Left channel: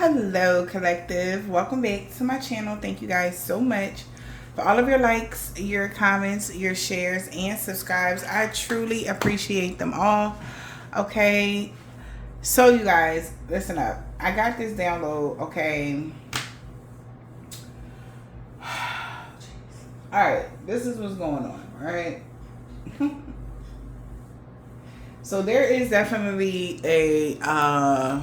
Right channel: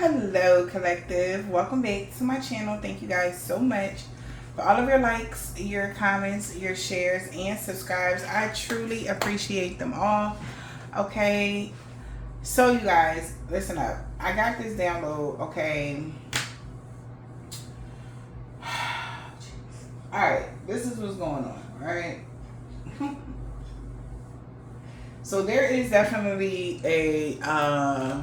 Hello, collective. Welcome back to my channel. Thank you guys so much for all of your likes, your comments, your shares, and subscribes. I truly appreciate them all. Okay, so you guys, listen up. I got this download, okay? Alright, this is what's going on, alright? So there is definitely a,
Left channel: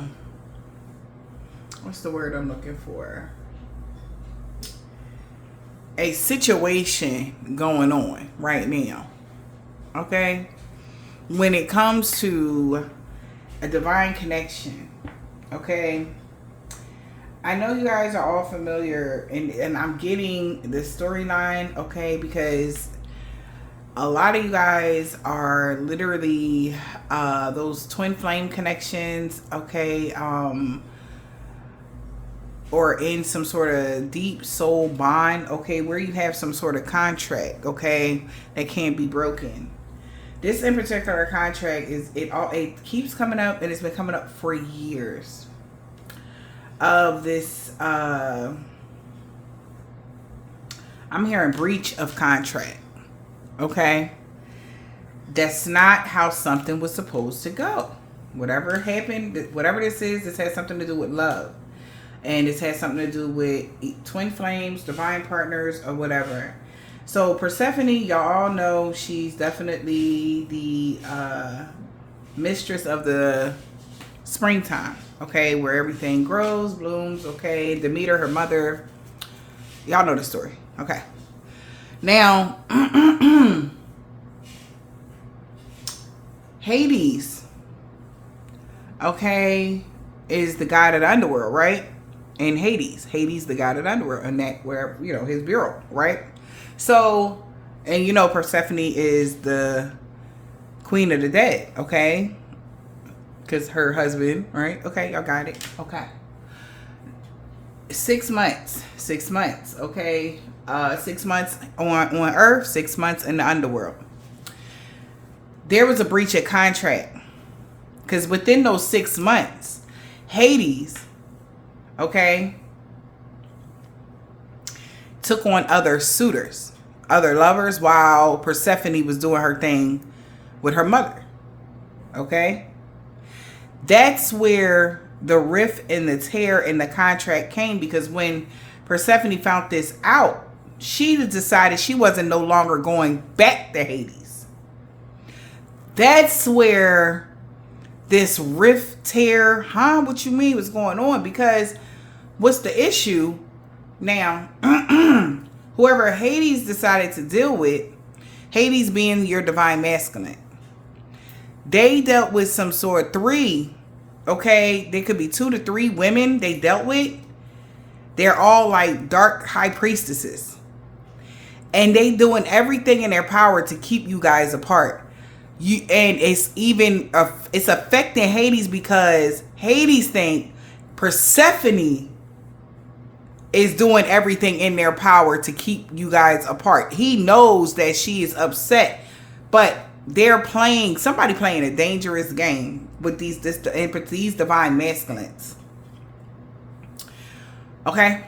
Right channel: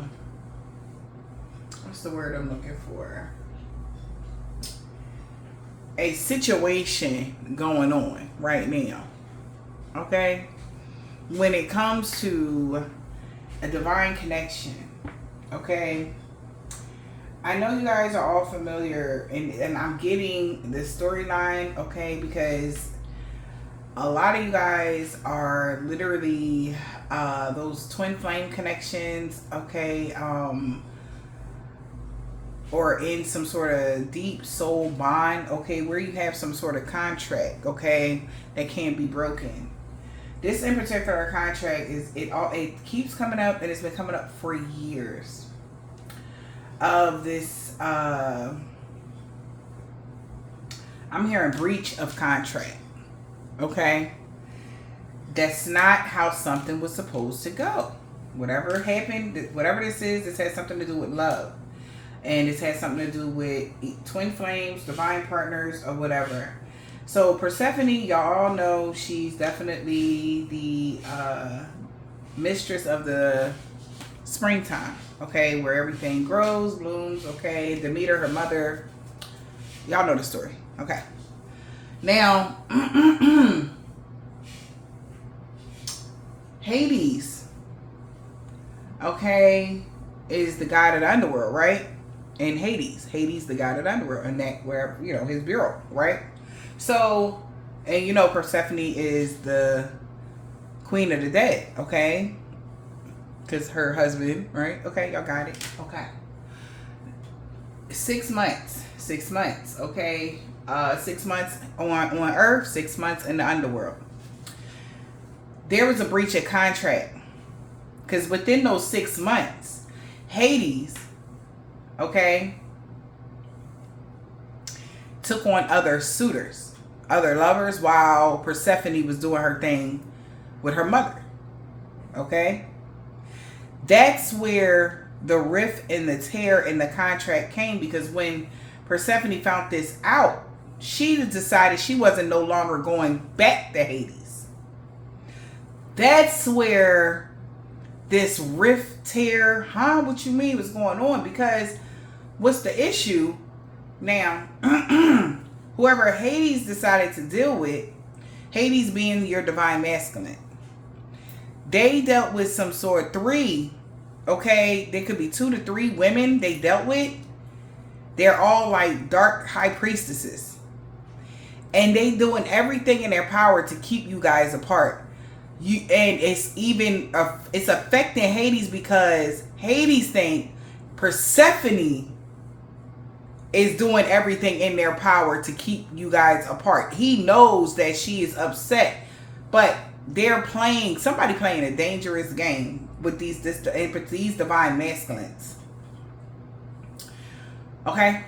what's the word I'm looking for? A situation going on right now, okay? When it comes to a divine connection, okay? I know you guys are all familiar, and I'm getting the storyline, okay? Because a lot of you guys are literally those twin flame connections, okay? Or in some sort of deep soul bond, okay, where you have some sort of contract, okay, that can't be broken. This in particular contract it keeps coming up, and it's been coming up for years. Of this, I'm hearing breach of contract, okay. That's not how something was supposed to go. Whatever happened, whatever this is, this has something to do with love. And this has something to do with twin flames, divine partners, or whatever. So Persephone, y'all all know she's definitely the mistress of the springtime, okay, where everything grows, blooms, okay. Demeter, her mother, y'all know the story, okay. Now, Hades, okay, is the god of the underworld, right? And Hades, the god of the underworld, and that where, you know, his bureau, right? So, and you know, Persephone is the queen of the dead, okay? Because her husband, right? Okay, y'all got it. Okay. 6 months, okay? 6 months on Earth, 6 months in the underworld. There was a breach of contract. Because within those 6 months, Hades, okay, took on other suitors, other lovers, while Persephone was doing her thing with her mother, okay? That's where the rift and the tear in the contract came, because when Persephone found this out, she decided she wasn't no longer going back to Hades. That's where this rift, tear, what you mean, what's going on? Because what's the issue now? Whoever Hades decided to deal with, Hades being your divine masculine, they dealt with some sort 3, okay? There could be 2 to 3 women they dealt with. They're all like dark high priestesses, and they doing everything in their power to keep you guys apart. And it's even it's affecting Hades, because Hades think Persephone is doing everything in their power to keep you guys apart. He knows that she is upset, but they're playing, somebody playing a dangerous game with these divine masculines. Okay,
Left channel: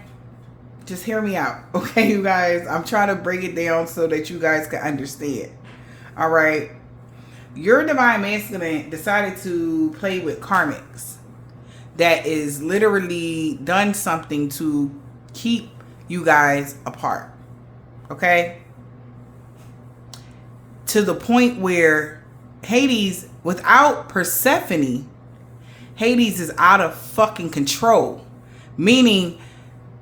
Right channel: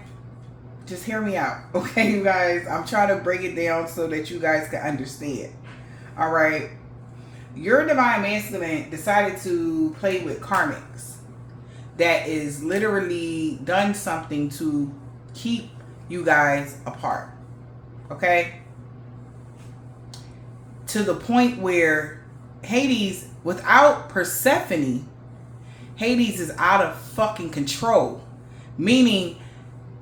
just hear me out, okay, you guys. I'm trying to break it down so that you guys can understand. All right. Your divine masculine decided to play with karmics that is literally done something to keep you guys apart, okay? To the point where Hades, without Persephone, Hades is out of fucking control. Meaning,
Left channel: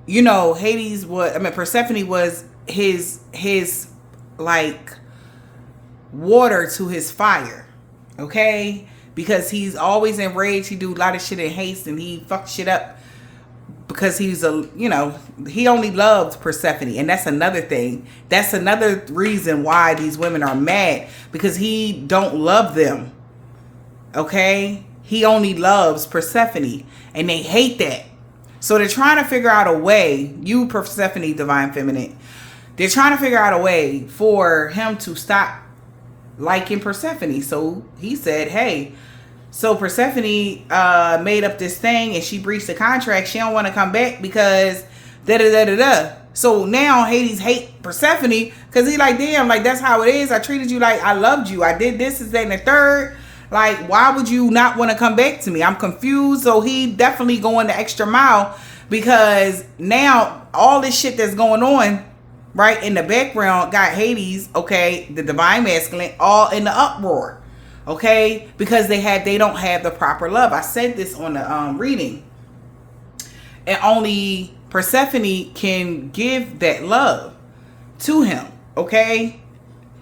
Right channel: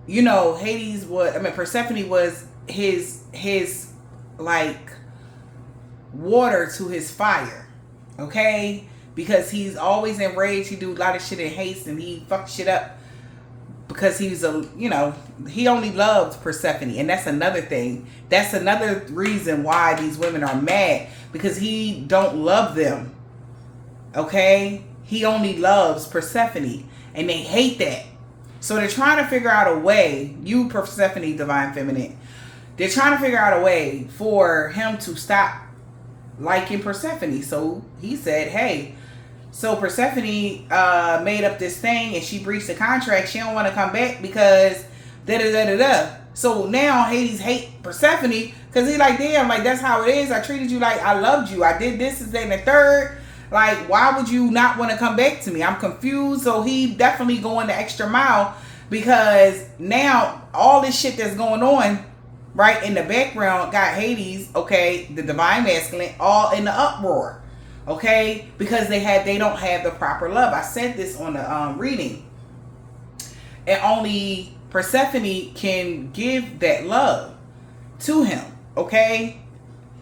you know, Persephone was his like water to his fire, okay? Because he's always enraged. He do a lot of shit in haste, and he fucks shit up because he's he only loved Persephone. And that's another thing. That's another reason why these women are mad, because he don't love them, okay? He only loves Persephone, and they hate that. So they're trying to figure out a way, you Persephone, divine feminine, they're trying to figure out a way for him to stop liking Persephone. So he said, hey, So Persephone made up this thing and she breached the contract. She don't want to come back because da da da da da. So now Hades hate Persephone because he like, damn, like that's how it is. I treated you like I loved you. I did this, that, and the third. Like, why would you not want to come back to me? I'm confused. So he definitely going the extra mile because now all this shit that's going on right in the background got Hades, okay, the divine masculine, all in the uproar, okay, because they don't have the proper love. I said this on the reading, and only Persephone can give that love to him, okay,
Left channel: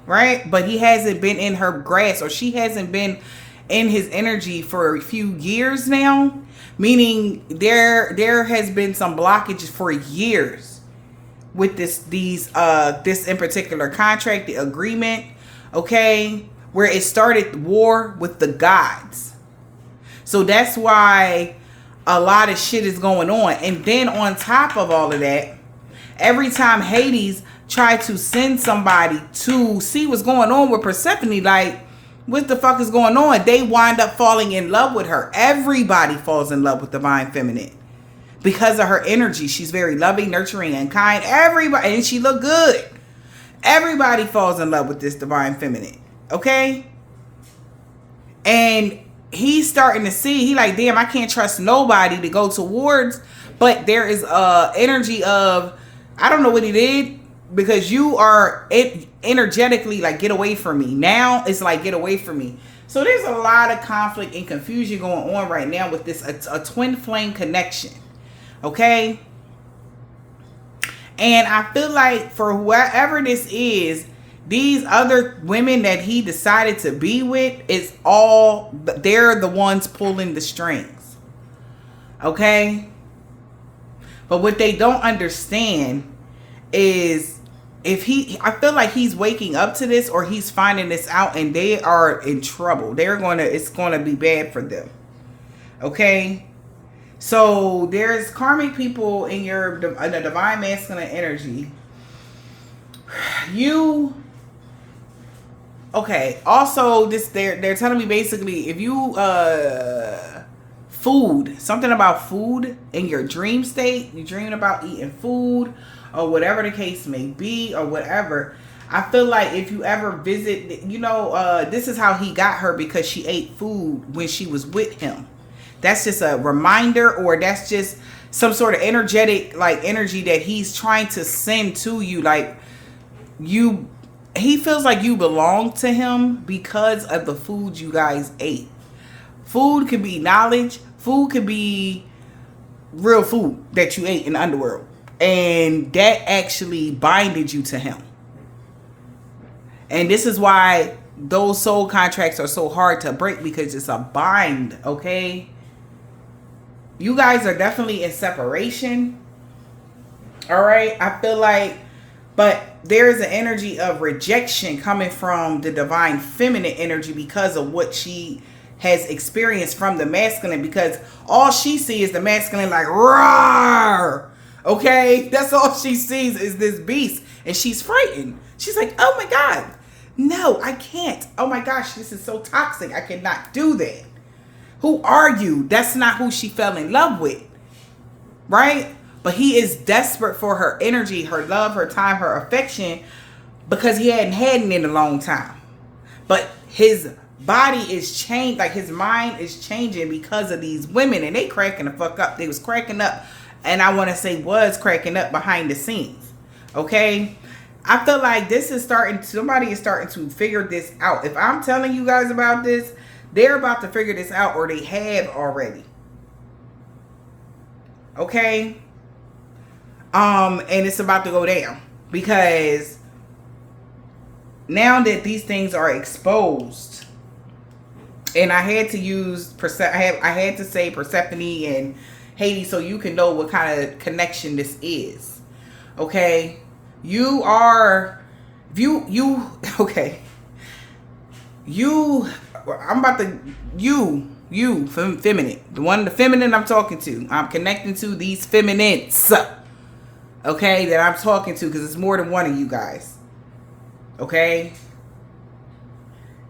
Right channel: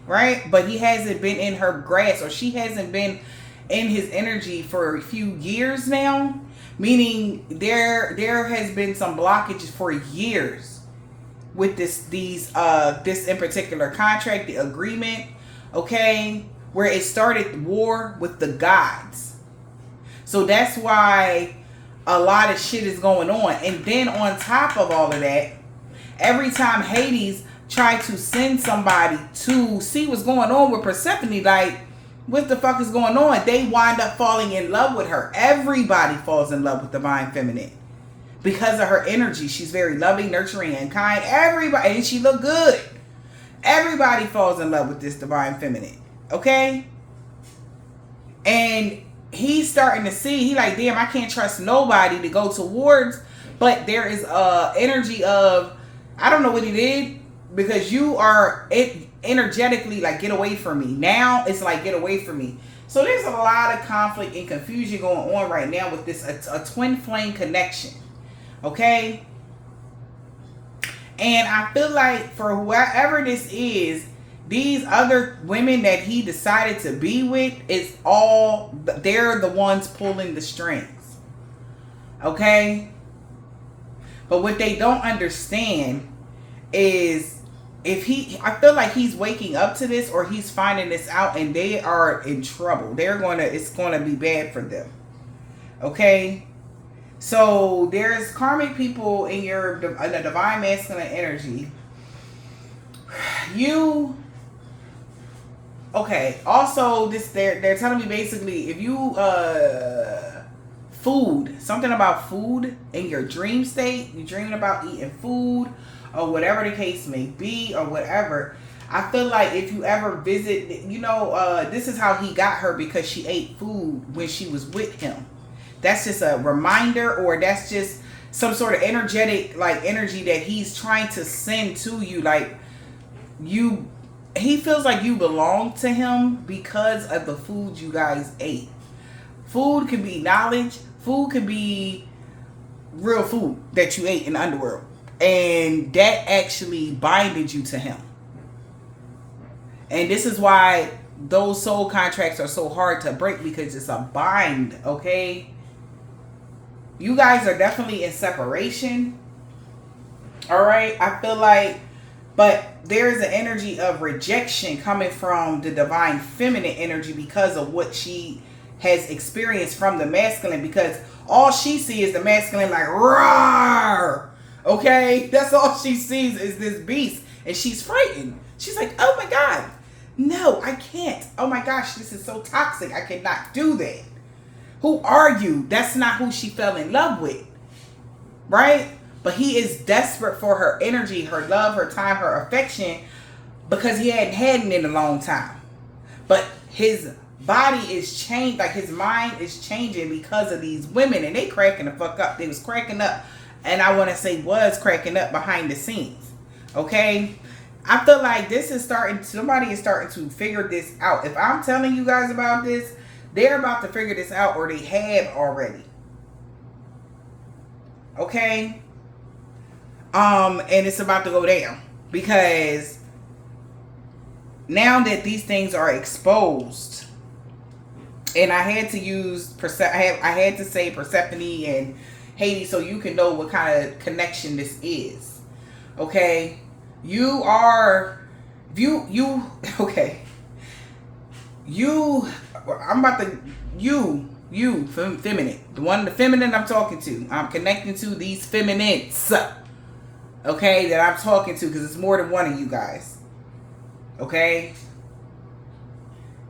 right? But he hasn't been in her grasp, or she hasn't been in his energy for a few years now, meaning there has been some blockages for years with this in particular contract, the agreement, okay, where it started war with the gods. So that's why a lot of shit is going on. And then on top of all of that, every time Hades tried to send somebody to see what's going on with Persephone, like, what the fuck is going on? They wind up falling in love with her. Everybody falls in love with divine feminine because of her energy. She's very loving, nurturing, and kind. Everybody, and she look good. Everybody falls in love with this divine feminine. Okay? And he's starting to see, he like, damn, I can't trust nobody to go towards, but there is energy of, I don't know what he did, because you are energetically like, get away from me. Now it's like, get away from me. So there's a lot of conflict and confusion going on right now with this a twin flame connection, okay? And I feel like for whoever this is, these other women that he decided to be with, is all, they're the ones pulling the strings, okay? But what they don't understand is, I feel like he's waking up to this, or he's finding this out, and they are in trouble. It's gonna be bad for them. Okay? So there's karmic people in the divine masculine energy. Okay, also they're telling me basically, if you something about food in your dream state, you're dreaming about eating food, or whatever the case may be, or whatever. I feel like if you ever visit, this is how he got her, because she ate food when she was with him. That's just a reminder, or that's just some sort of energetic, like, energy that he's trying to send to you. Like, he feels like you belong to him because of the food you guys ate. Food could be knowledge. Food could be real food that you ate in the underworld. And that actually binded you to him. And this is why those soul contracts are so hard to break, because it's a bind, okay? You guys are definitely in separation. All right? I feel like, but there's an energy of rejection coming from the divine feminine energy because of what she has experienced from the masculine, because all she sees is the masculine like, roar. Okay, that's all she sees is this beast, and she's frightened. She's like, oh my God, no, I can't. Oh my gosh, this is so toxic. I cannot do that. Who are you? That's not who she fell in love with, right? But he is desperate for her energy, her love, her time, her affection, because he hadn't had it in a long time. But his body is changed, like his mind is changing because of these women, and they cracking the fuck up. They was cracking up. And I want to say was cracking up behind the scenes. Okay? I feel like somebody is starting to figure this out. If I'm telling you guys about this, they're about to figure this out, or they have already. Okay? And it's about to go down. Because now that these things are exposed, and I had to use, I had to say Persephone and Hades, so you can know what kind of connection this is. Okay? Feminine. The feminine I'm talking to. I'm connecting to these feminines. Okay? That I'm talking to, because it's more than one of you guys. Okay?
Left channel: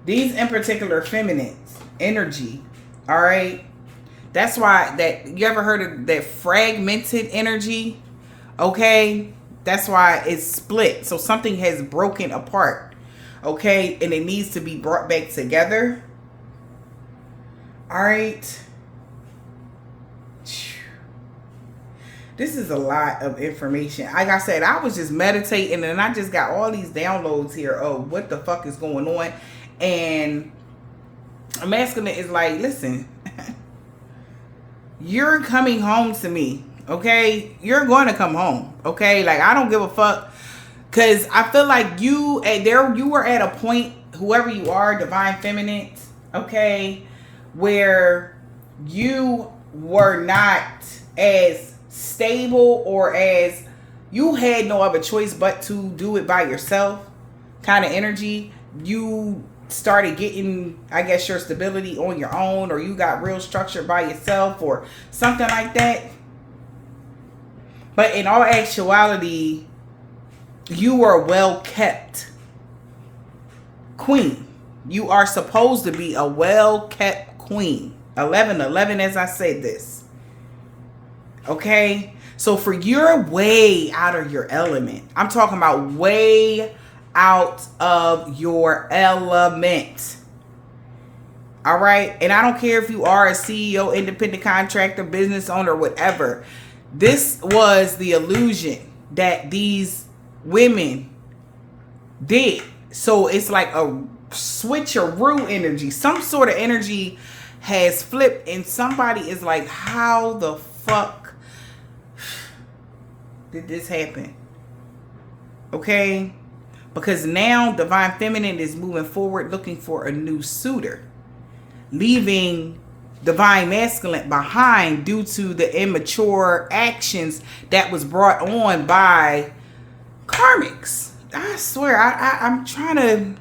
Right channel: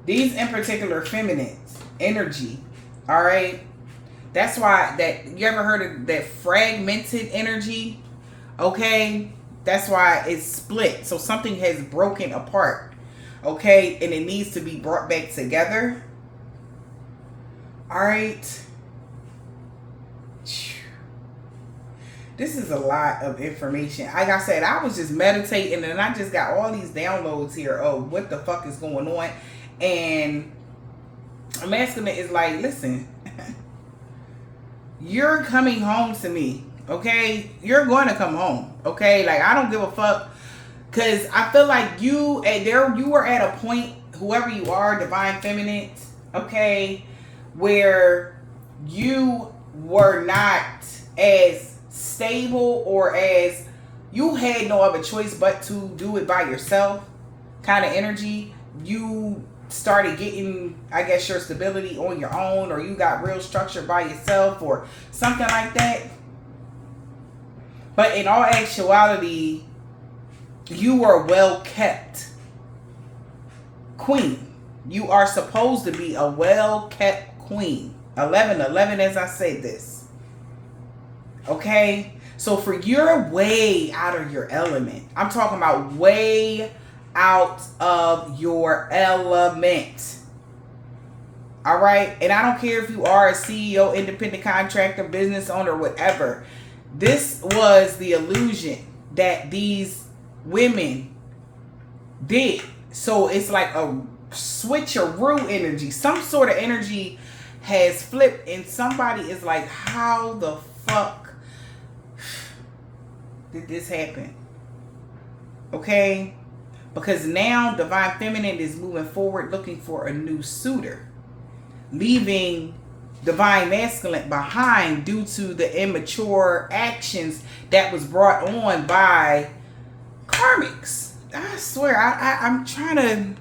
These in particular feminines energy All right. That's why that you ever heard of that fragmented energy? Okay. That's why it's split. So something has broken apart. Okay. And it needs to be brought back together. All right. This is a lot of information. Like I said, I was just meditating and I just got all these downloads here of what the fuck is going on. And masculine is like, listen, you're coming home to me, okay? You're going to come home, okay? Like, I don't give a fuck, because I feel like you were at a point, whoever you are, divine feminine, okay, where you were not as stable, or as you had no other choice but to do it by yourself kind of energy. You started getting, I guess, your stability on your own, or you got real structure by yourself or something like that. But in all actuality, you were a well kept queen. You are supposed to be a well kept queen. 11 as I say this. Okay? So for you're way out of your element. I'm talking about way out of your element. All right? And I don't care if you are a CEO, independent contractor, business owner, whatever. This was the illusion that these women did. So it's like a switcheroo energy. Some sort of energy has flipped, and somebody is like, how the fuck did this happen? Okay? Because now divine feminine is moving forward looking for a new suitor, leaving divine masculine behind due to the immature actions that was brought on by karmics. I swear, I'm trying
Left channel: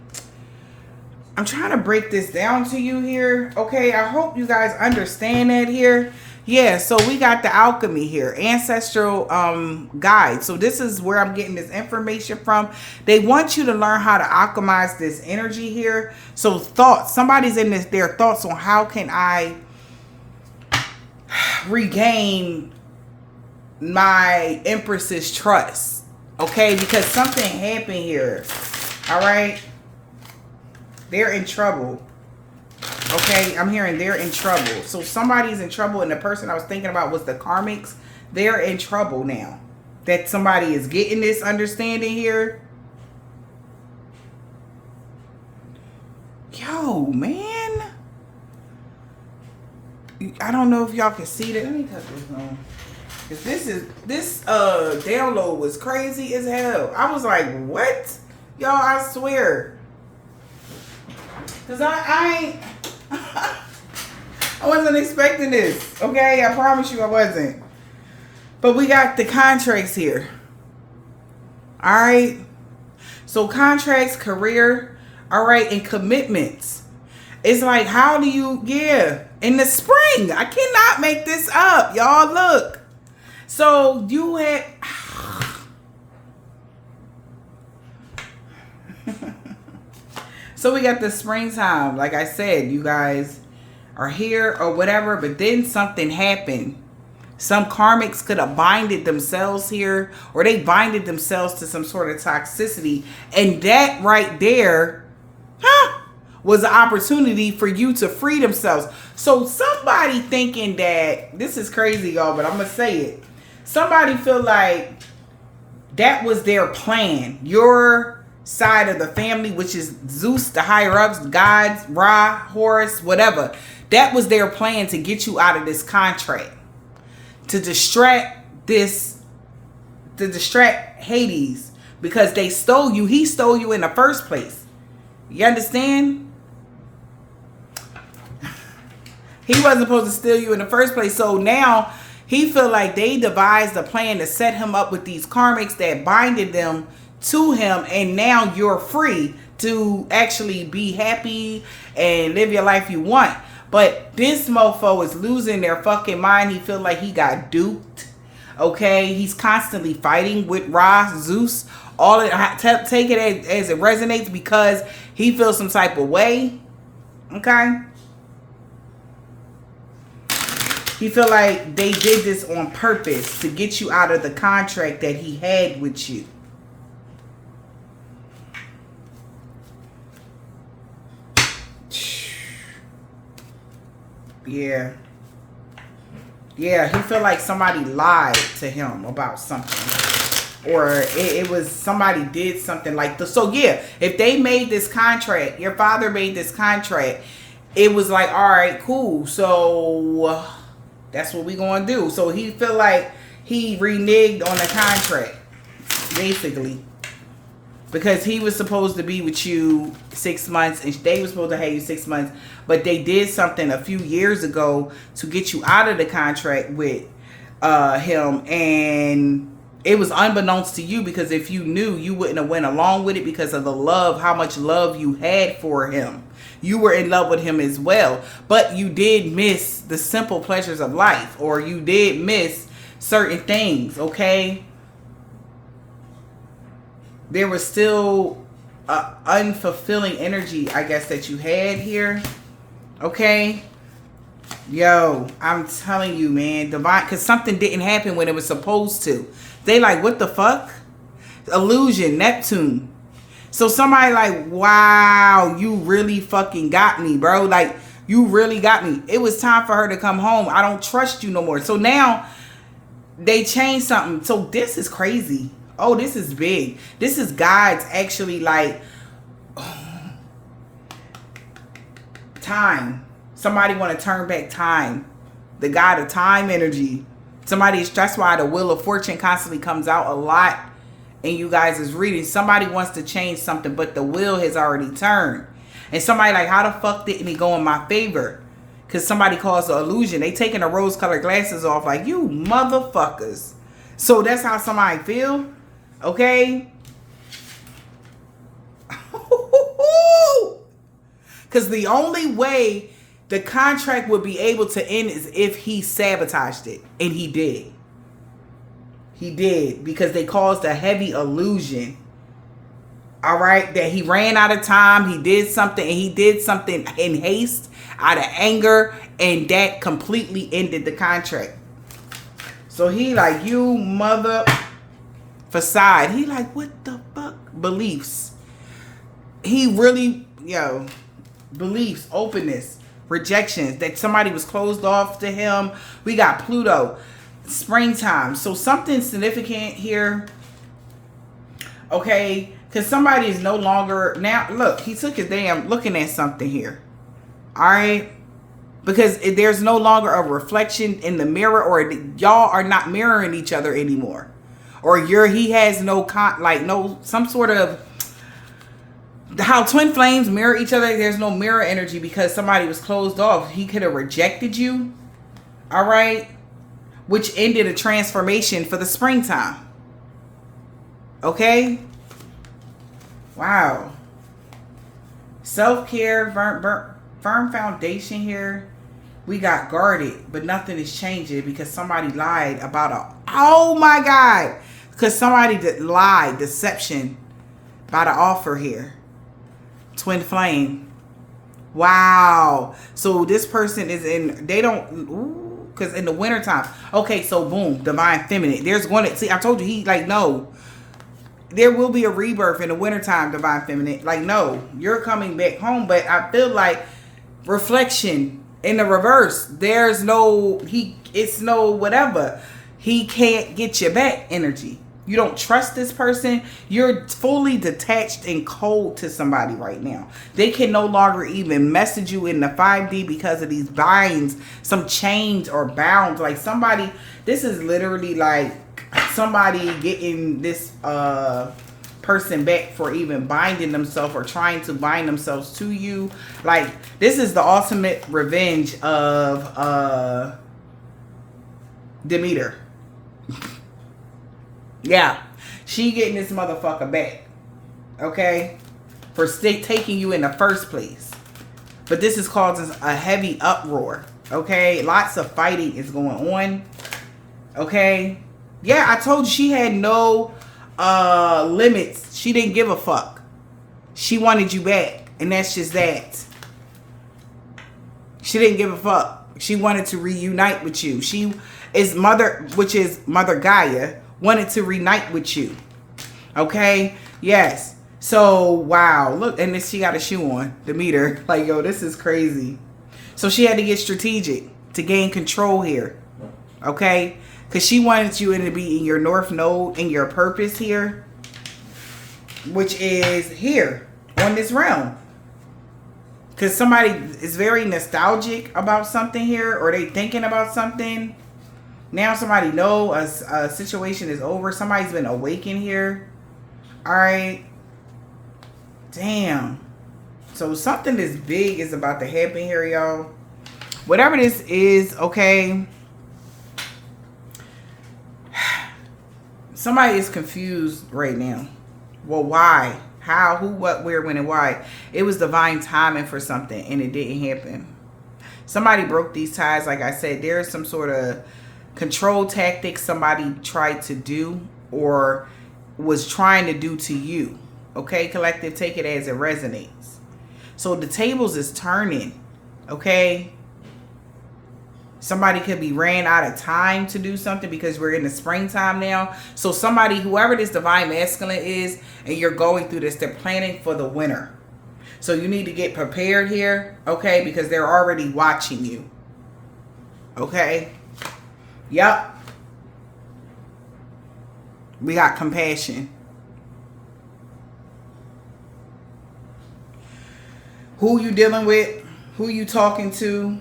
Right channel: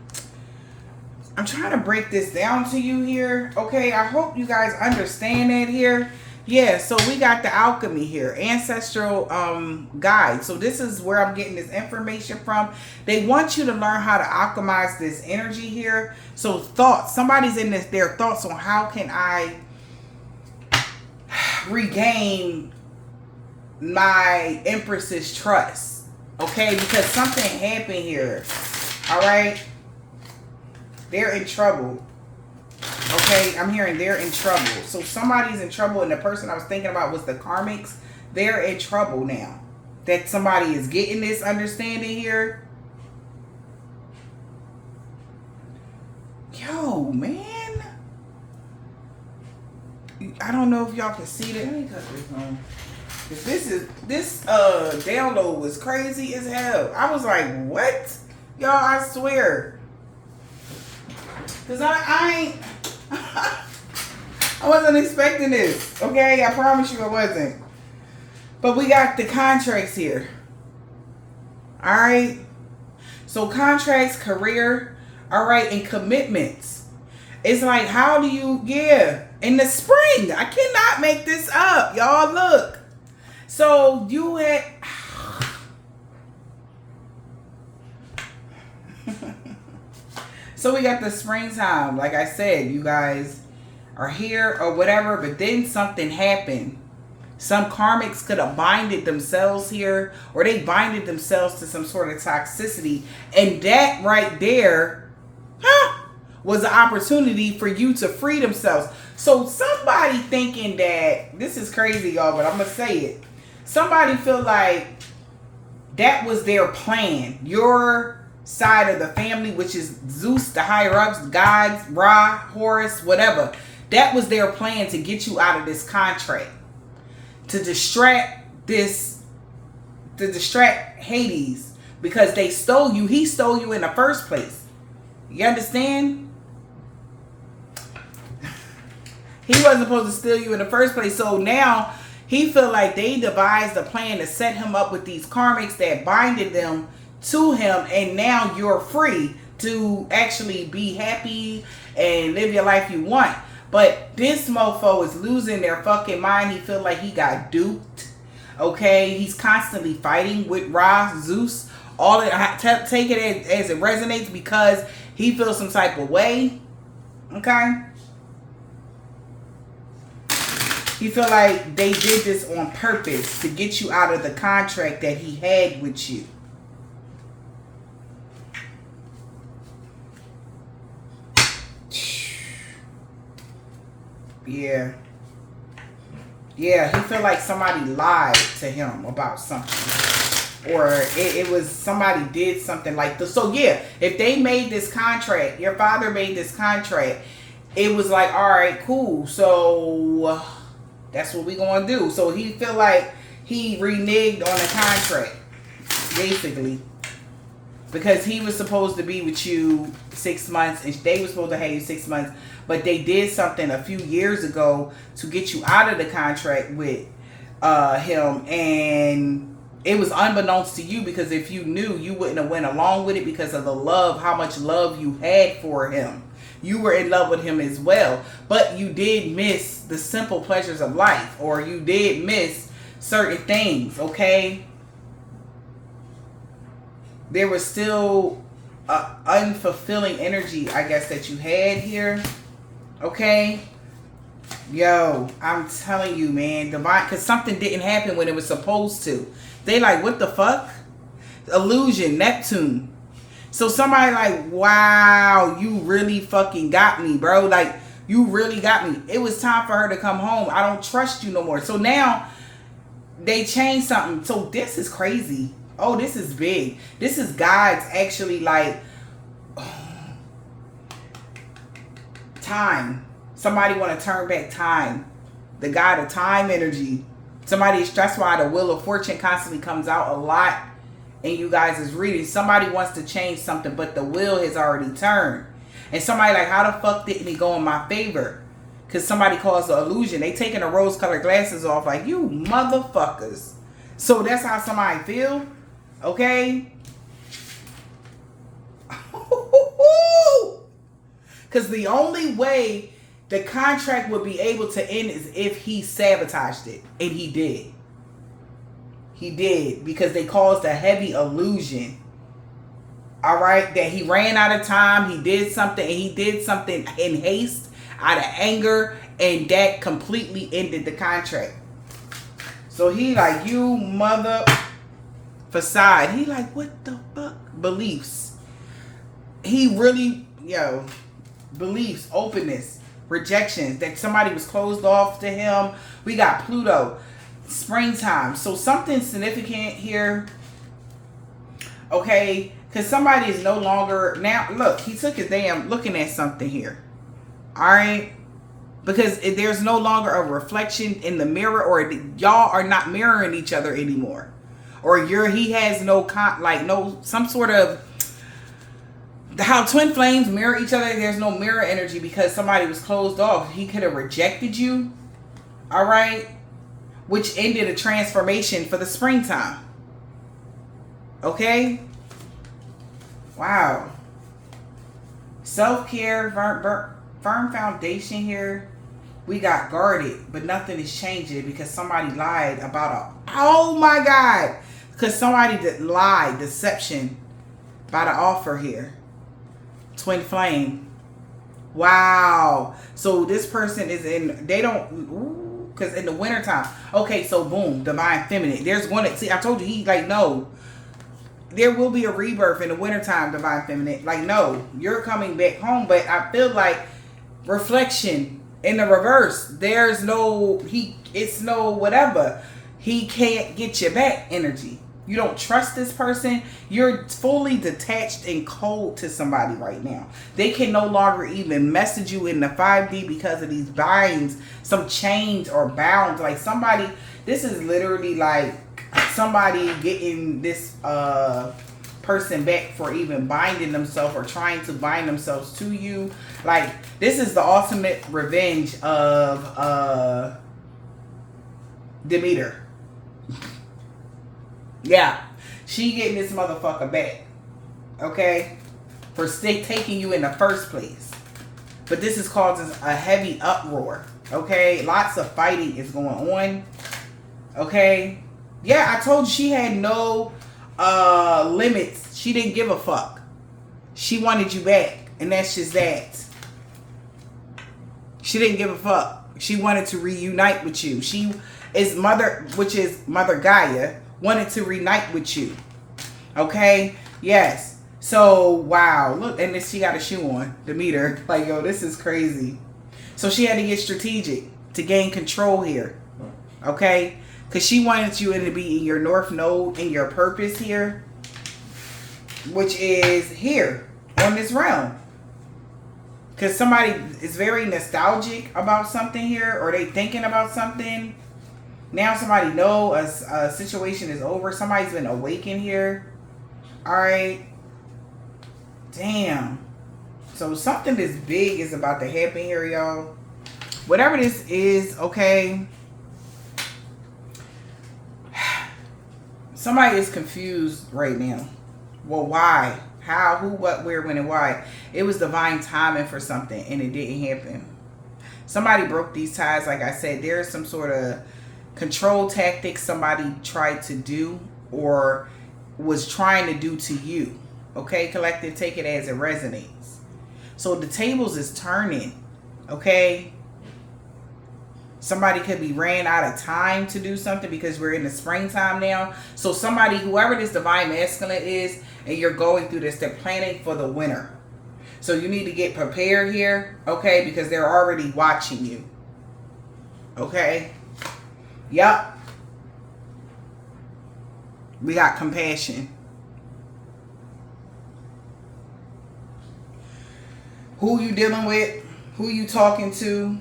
to break this down to you here. Okay, I hope you guys understand that here. Yeah, so we got the alchemy here, ancestral guide. So this is where I'm getting this information from. They want you to learn how to alchemize this energy here. So thoughts, somebody's in this, their thoughts on how can I regain my empress's trust. Okay, because something happened here. All right, they're in trouble. Okay, I'm hearing they're in trouble. So somebody's in trouble, and the person I was thinking about was the karmics. They're in trouble now. That somebody is getting this understanding here. Yo, man. I don't know if y'all can see that. Let me cut this on. Cause this download was crazy as hell. I was like, what? Y'all, I swear. Cause I wasn't expecting this. Okay, I promise you I wasn't. But we got the contracts here. Alright. So contracts, career, alright, and commitments. It's like, how do you, in the spring. I cannot make this up. Y'all look. So you had so we got the springtime. Like I said, you guys are here or whatever, but then something happened. Some karmics could have binded themselves here, or they binded themselves to some sort of toxicity, and that right there was an opportunity for you to free themselves. So somebody thinking that, this is crazy, y'all, but I'm gonna say it. Somebody feel like that was their plan. Your side of the family, which is Zeus, the higher ups, gods, Ra, Horus, whatever. That was their plan to get you out of this contract. To distract Hades, because they stole you. He stole you in the first place. You understand? He wasn't supposed to steal you in the first place. So now he feel like they devised a plan to set him up with these karmics that binded them to him, and now you're free to actually be happy and live your life you want. But this mofo is losing their fucking mind. He feel like he got duped. Okay, he's constantly fighting with Ra, Zeus. All it, take it as it resonates, because he feels some type of way. Okay. He feel like they did this on purpose to get you out of the contract that he had with you. Yeah. Yeah, he feel like somebody lied to him about something. Or it was somebody did something like this. So yeah, if they made this contract, your father made this contract, it was like, all right, cool. So that's what we gonna do. So he feel like he reneged on the contract, basically. Because he was supposed to be with you 6 months and they were supposed to have you 6 months. But they did something a few years ago to get you out of the contract with him. And it was unbeknownst to you, because if you knew, you wouldn't have went along with it because of the love, how much love you had for him. You were in love with him as well. But you did miss the simple pleasures of life. Or you did miss certain things, okay? There was still unfulfilling energy, I guess, that you had here. Okay? Yo, I'm telling you, man. Divine, because something didn't happen when it was supposed to. They like, what the fuck? Illusion, Neptune. So somebody like, wow, you really fucking got me, bro. Like, you really got me. It was time for her to come home. I don't trust you no more. So now they changed something. So this is crazy. Oh, this is big. This is God's actually like time. Somebody want to turn back time. The God of time energy. Somebody is, that's why the Wheel of Fortune constantly comes out a lot in you guys' reading. Somebody wants to change something, but the wheel has already turned. And somebody like, how the fuck didn't it go in my favor? Because somebody calls the illusion. They taking the rose-colored glasses off like, you motherfuckers. So that's how somebody feel. Okay? Because the only way the contract would be able to end is if he sabotaged it. And he did. He did. Because they caused a heavy illusion. Alright? That he ran out of time. He did something. And he did something in haste. Out of anger. And that completely ended the contract. So he like, you mother... facade. He like, what the fuck? Beliefs. He really, yo, beliefs, openness, rejections, that somebody was closed off to him. We got Pluto, springtime. So something significant here. Okay, because somebody is no longer, now look, he took his damn looking at something here. All right. Because there's no longer a reflection in the mirror, or y'all are not mirroring each other anymore. Or he has no, some sort of, how twin flames mirror each other. There's no mirror energy because somebody was closed off. He could have rejected you. All right. Which ended a transformation for the springtime. Okay. Wow. Self-care, firm foundation here. We got guarded, but nothing is changing because somebody lied about oh my God. Because somebody lied, deception, by the offer here. Twin flame. Wow. So this person is in, they don't, because in the wintertime. Okay, so boom, divine feminine. There's one that, see, I told you, he like, no. There will be a rebirth in the wintertime, divine feminine. Like, no, you're coming back home. But I feel like reflection in the reverse. There's no, it's no whatever. He can't get you back energy. You don't trust this person. You're fully detached and cold to somebody right now. They can no longer even message you in the 5D because of these binds, some chains or bounds. Like somebody, this is literally like somebody getting this person back for even binding themselves or trying to bind themselves to you. Like this is the ultimate revenge of Demeter. Yeah, she getting this motherfucker back, okay, for taking you in the first place. But this is causing a heavy uproar, okay? Lots of fighting is going on, okay? Yeah, I told you she had no limits. She didn't give a fuck. She wanted you back, and that's just that. She didn't give a fuck. She wanted to reunite with you. She is mother, which is Mother Gaia, wanted to reunite with you. Okay? Yes. So, wow. Look, and then she got a shoe on, the meter. Like, yo, this is crazy. So she had to get strategic to gain control here. Okay? Because she wanted you to be in your North Node, in your purpose here, which is here on this realm. Because somebody is very nostalgic about something here, or they thinking about something. Now somebody know a situation is over. Somebody's been awakened here. All right. Damn. So something this big is about to happen here, y'all. Whatever this is, okay. Somebody is confused right now. Well, why? How? Who? What? Where? When? And why? It was divine timing for something, and it didn't happen. Somebody broke these ties. Like I said, there's some sort of control tactic somebody tried to do or was trying to do to you. Okay, collective, take it as it resonates. So the tables is turning. Okay. Somebody could be ran out of time to do something because we're in the springtime now. So somebody, whoever this divine masculine is, and you're going through this, they're planning for the winter. So you need to get prepared here, okay? Because they're already watching you. Okay? Yup. We got compassion. Who you dealing with? Who you talking to?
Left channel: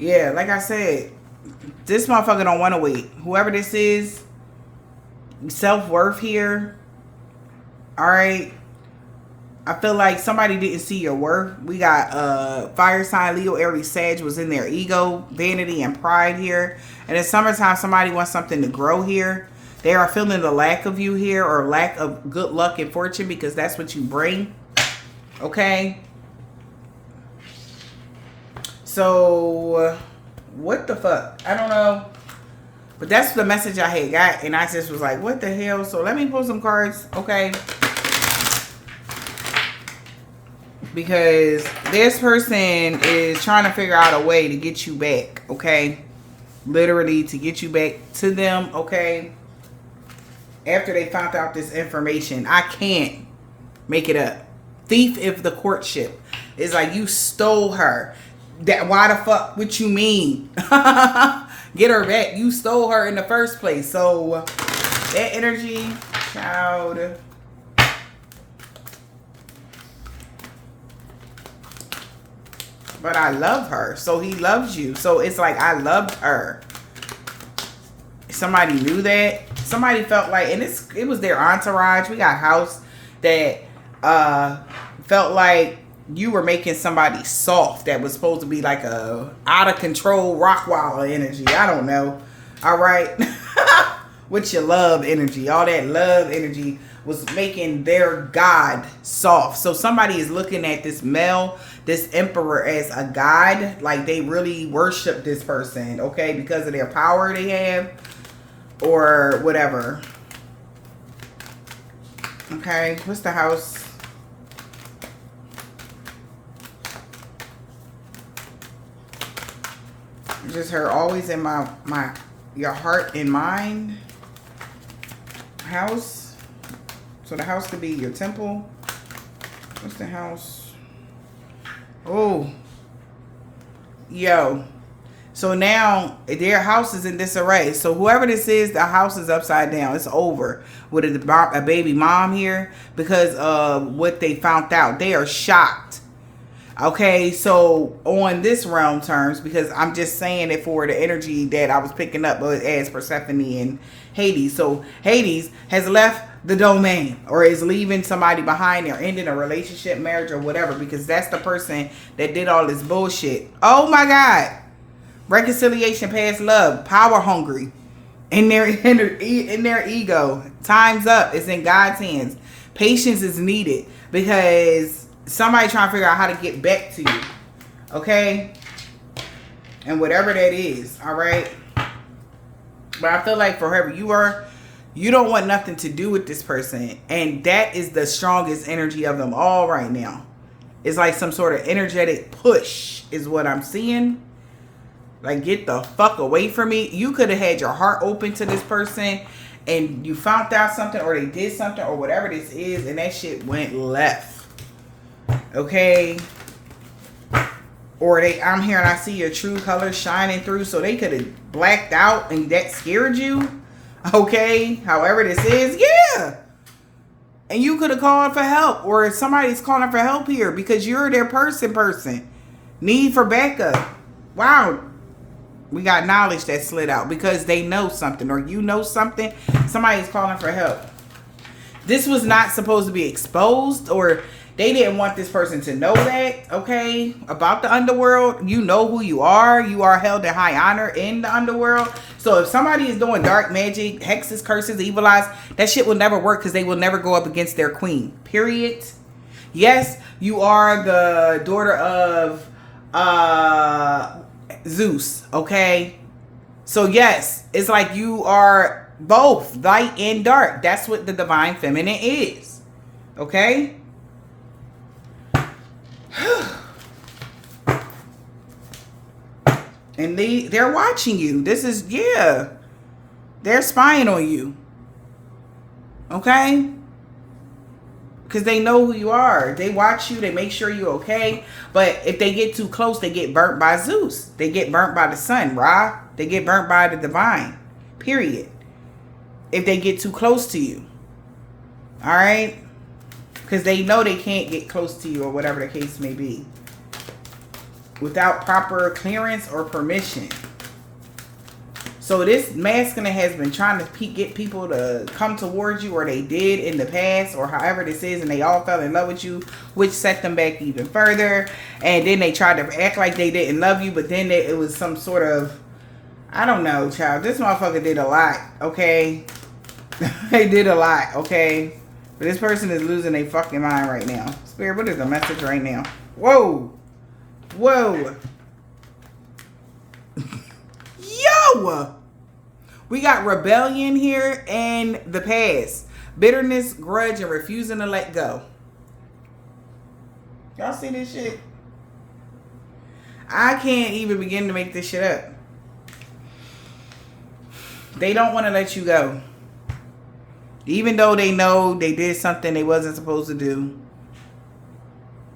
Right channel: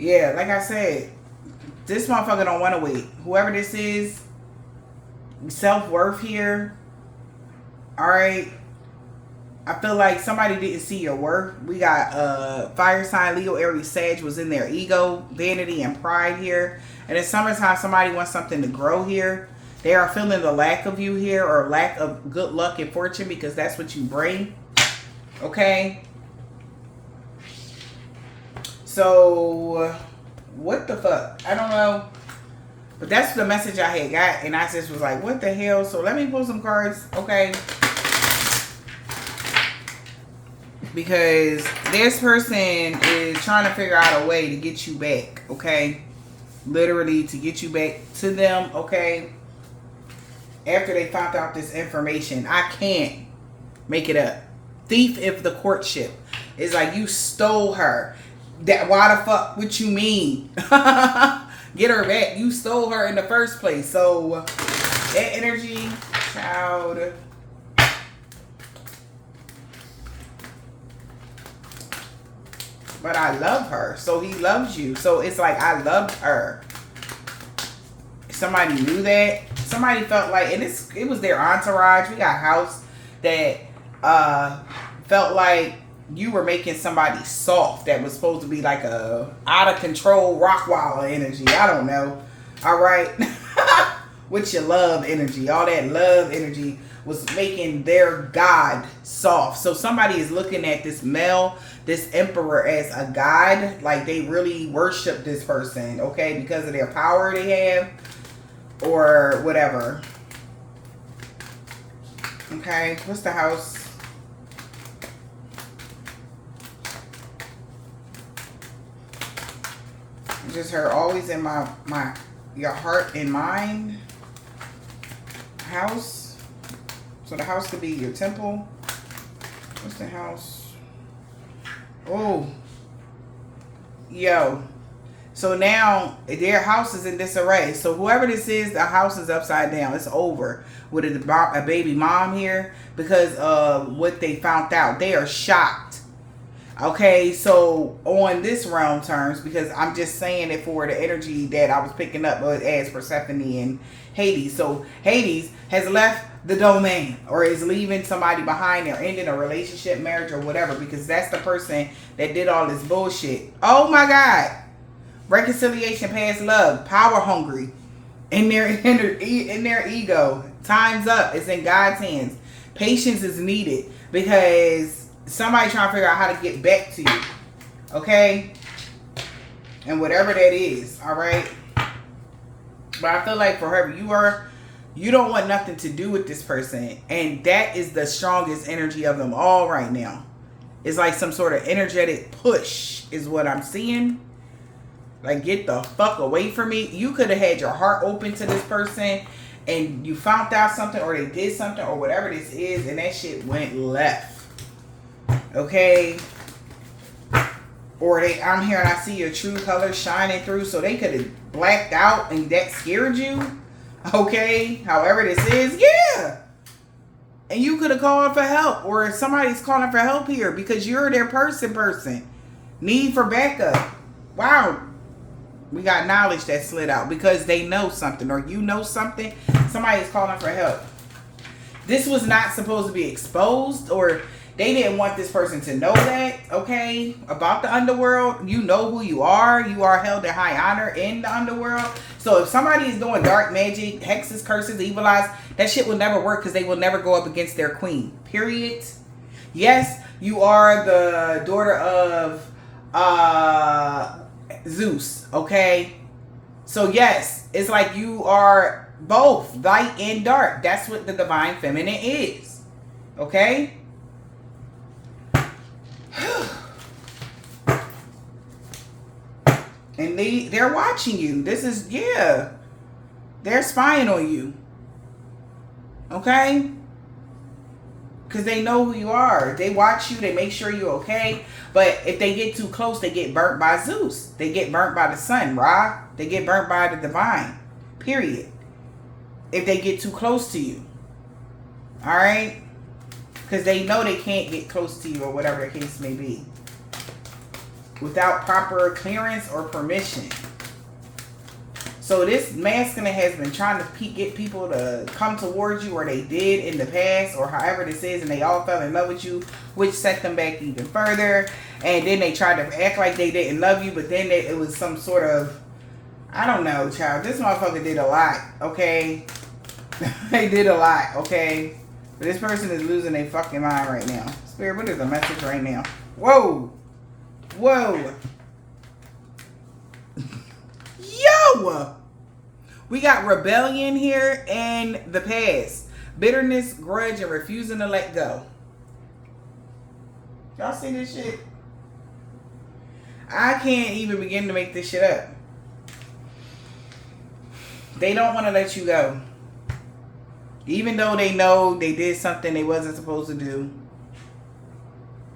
Yeah, like I said, this motherfucker don't want to wait. Whoever this is, self-worth here. All right. I feel like somebody didn't see your worth. We got fire sign, Leo, Aries, Sag was in their ego, vanity, and pride here. And in summertime, somebody wants something to grow here. They are feeling the lack of you here, or lack of good luck and fortune, because that's what you bring. Okay. So, what the fuck? I don't know. But that's the message I had got. And I just was like, what the hell? So, let me pull some cards. Okay. Because this person is trying to figure out a way to get you back. Okay. Literally to get you back to them. Okay. After they found out this information. I can't make it up. Thief of the courtship. It's like you stole her. That why the fuck? What you mean? Get her back. You stole her in the first place. So that energy, child. But I love her. So he loves you. So it's like I loved her. Somebody knew that. Somebody felt like, and it was their entourage. We got a house that felt like you were making somebody soft that was supposed to be like a out of control Rockwall energy. I don't know. All right. With your love energy. All that love energy was making their God soft. So somebody is looking at this male, this emperor, as a god. Like they really worship this person. Okay. Because of their power they have. Or whatever. Okay. What's the house? Just her always in your heart and mind house. So the house could be your temple. What's the house? Oh, yo. So now their house is in disarray. So whoever this is, the house is upside down. It's over with a baby mom here because of what they found out. They are shocked. Okay, so on this realm terms, because I'm just saying it for the energy that I was picking up as Persephone and Hades. So Hades has left the domain or is leaving somebody behind or ending a relationship, marriage, or whatever, because that's the person that did all this bullshit. Oh my God. Reconciliation, past love, power hungry in their ego. Time's up. It's in God's hands. Patience is needed because somebody trying to figure out how to get back to you. Okay? And whatever that is. Alright? But I feel like for whoever you don't want nothing to do with this person. And that is the strongest energy of them all right now. It's like some sort of energetic push is what I'm seeing. Like, get the fuck away from me. You could have had your heart open to this person and you found out something or they did something or whatever this is and that shit went left. Okay? Or I'm here and I see your true colors shining through, so they could have blacked out and that scared you. Okay? However this is, yeah. And you could have called for help, or somebody's calling for help here because you're their person. Need for backup. Wow. We got knowledge that slid out because they know something, or you know something. Somebody's calling for help. This was not supposed to be exposed, or they didn't want this person to know that, okay, about the underworld. You know who you are. You are held in high honor in the underworld. So if somebody is doing dark magic, hexes, curses, evil eyes, that shit will never work because they will never go up against their queen. Period. Yes, you are the daughter of Zeus, okay? So yes, it's like you are both light and dark. That's what the divine feminine is, okay? And they're watching you. This is, yeah. They're spying on you. Okay? Because they know who you are. They watch you. They make sure you're okay. But if they get too close, they get burnt by Zeus. They get burnt by the sun, Ra. They get burnt by the divine. Period. If they get too close to you. Alright? Because they know they can't get close to you or whatever the case may be without proper clearance or permission. So this masculine has been trying to get people to come towards you, or they did in the past, or however this is, and they all fell in love with you, which set them back even further. And then they tried to act like they didn't love you, but then it was some sort of, I don't know, child. This motherfucker did a lot, okay? They did a lot, okay? But this person is losing their fucking mind right now. Spirit, what is the message right now? Whoa! Whoa! Yo! We got rebellion here and the past. Bitterness, grudge, and refusing to let go. Y'all see this shit? I can't even begin to make this shit up. They don't want to let you go. Even though they know they did something they wasn't supposed to do.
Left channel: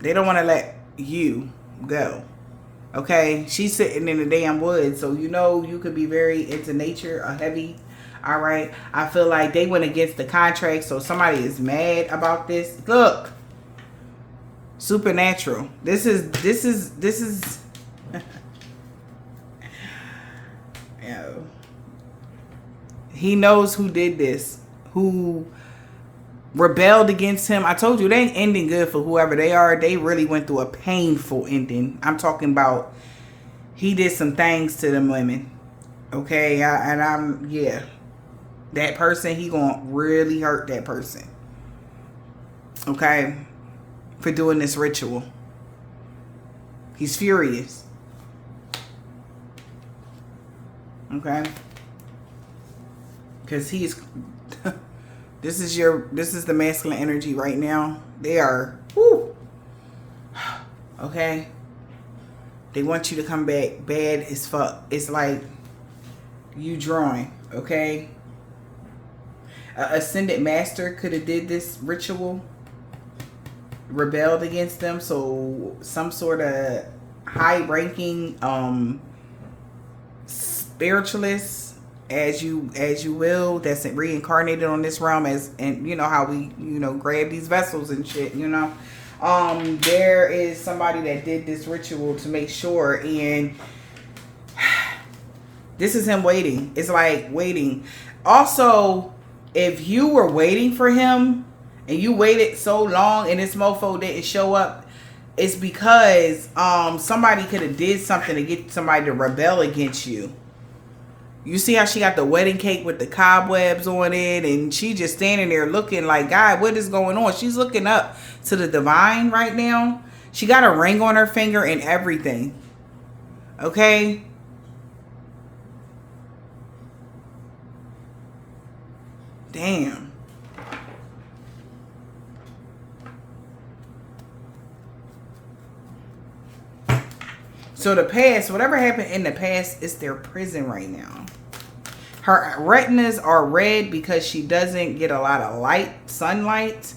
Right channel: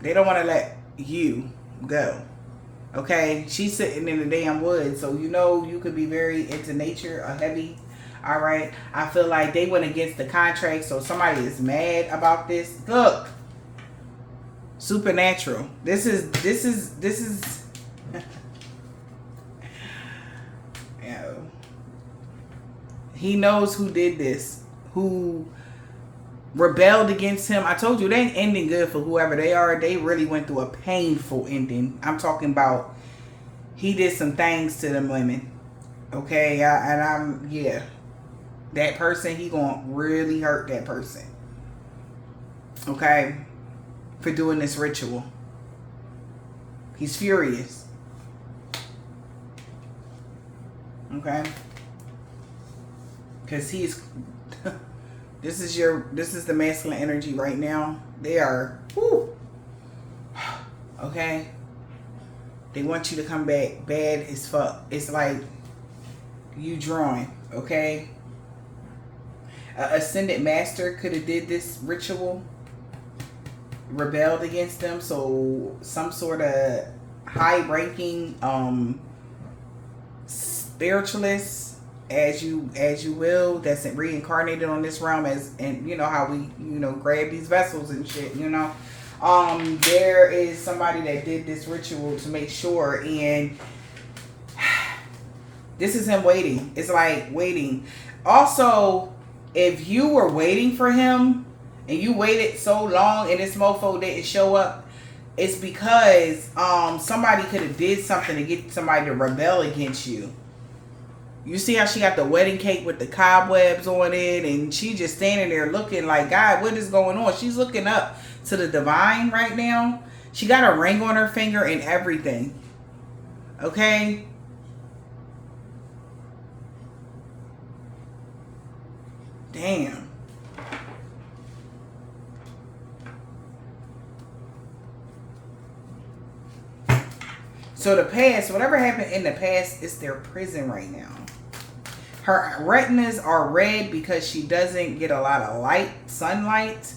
They don't want to let you go. Okay? She's sitting in the damn woods. So you know you could be very into nature, a heavy. Alright? I feel like they went against the contract. So somebody is mad about this. Look. Supernatural. This is Yo. He knows who did this. Who rebelled against him. I told you, they ain't ending good for whoever they are. They really went through a painful ending. I'm talking about he did some things to them women. Okay? Yeah. That person, he gonna really hurt that person. Okay? For doing this ritual. He's furious. Okay? Because he's... This is the masculine energy right now. They are, whoo, okay? They want you to come back bad as fuck. It's like you drawing, okay? Ascended master could have did this ritual, rebelled against them. So some sort of high-ranking spiritualist, as you will, that's reincarnated on this realm, and you know how we grab these vessels and shit, there is somebody that did this ritual to make sure, and this is him waiting. It's like waiting. Also, if you were waiting for him and you waited so long and this mofo didn't show up, it's because somebody could have did something to get somebody to rebel against you. You see how she got the wedding cake with the cobwebs on it, and she just standing there looking like, God, what is going on? She's looking up to the divine right now. She got a ring on her finger and everything. Okay? Damn. So the past, whatever happened in the past, is their prison right now. Her retinas are red because she doesn't get a lot of sunlight.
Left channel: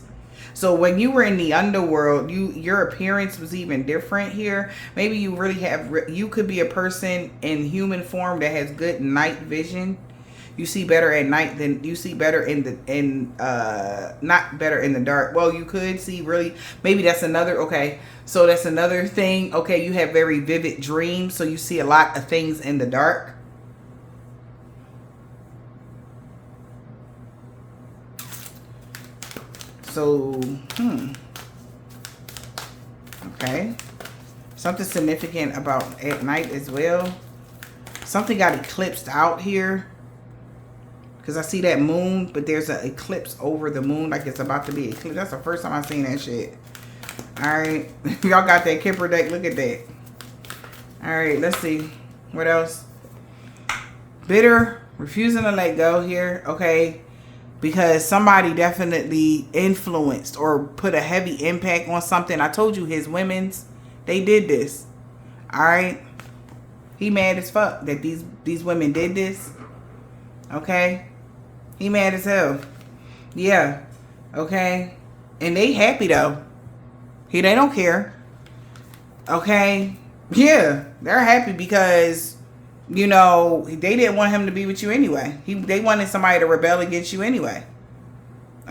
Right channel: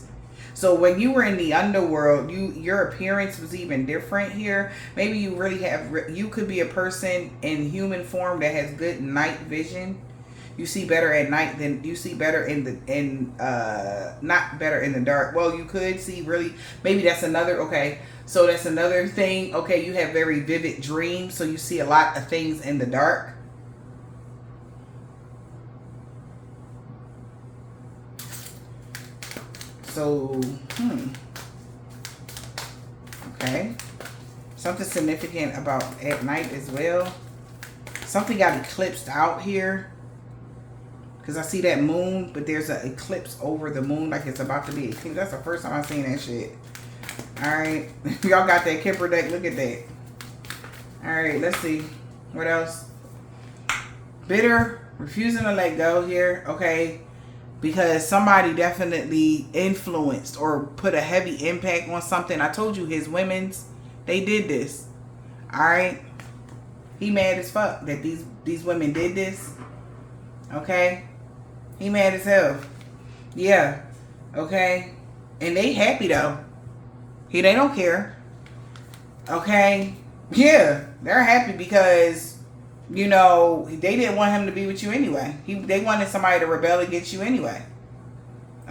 So when you were in the underworld, your appearance was even different here. Maybe you really you could be a person in human form that has good night vision. You see better at night than you see better not better in the dark. Well, you could see really, maybe that's another, okay. So that's another thing. Okay, you have very vivid dreams, so you see a lot of things in the dark. So, okay. Something significant about at night as well. Something got eclipsed out here. Because I see that moon, but there's an eclipse over the moon, like it's about to be eclipsed. That's the first time I've seen that shit. Alright. Y'all got that Kipper deck. Look at that. Alright, let's see. What else? Bitter. Refusing to let go here. Okay. Because somebody definitely influenced or put a heavy impact on something. I told you his women's, they did this. Alright. He mad as fuck that these women did this. Okay. He mad as hell. Yeah. Okay. And they happy though. They don't care. Okay. Yeah. They're happy because, you know, they didn't want him to be with you anyway. They wanted somebody to rebel against you anyway.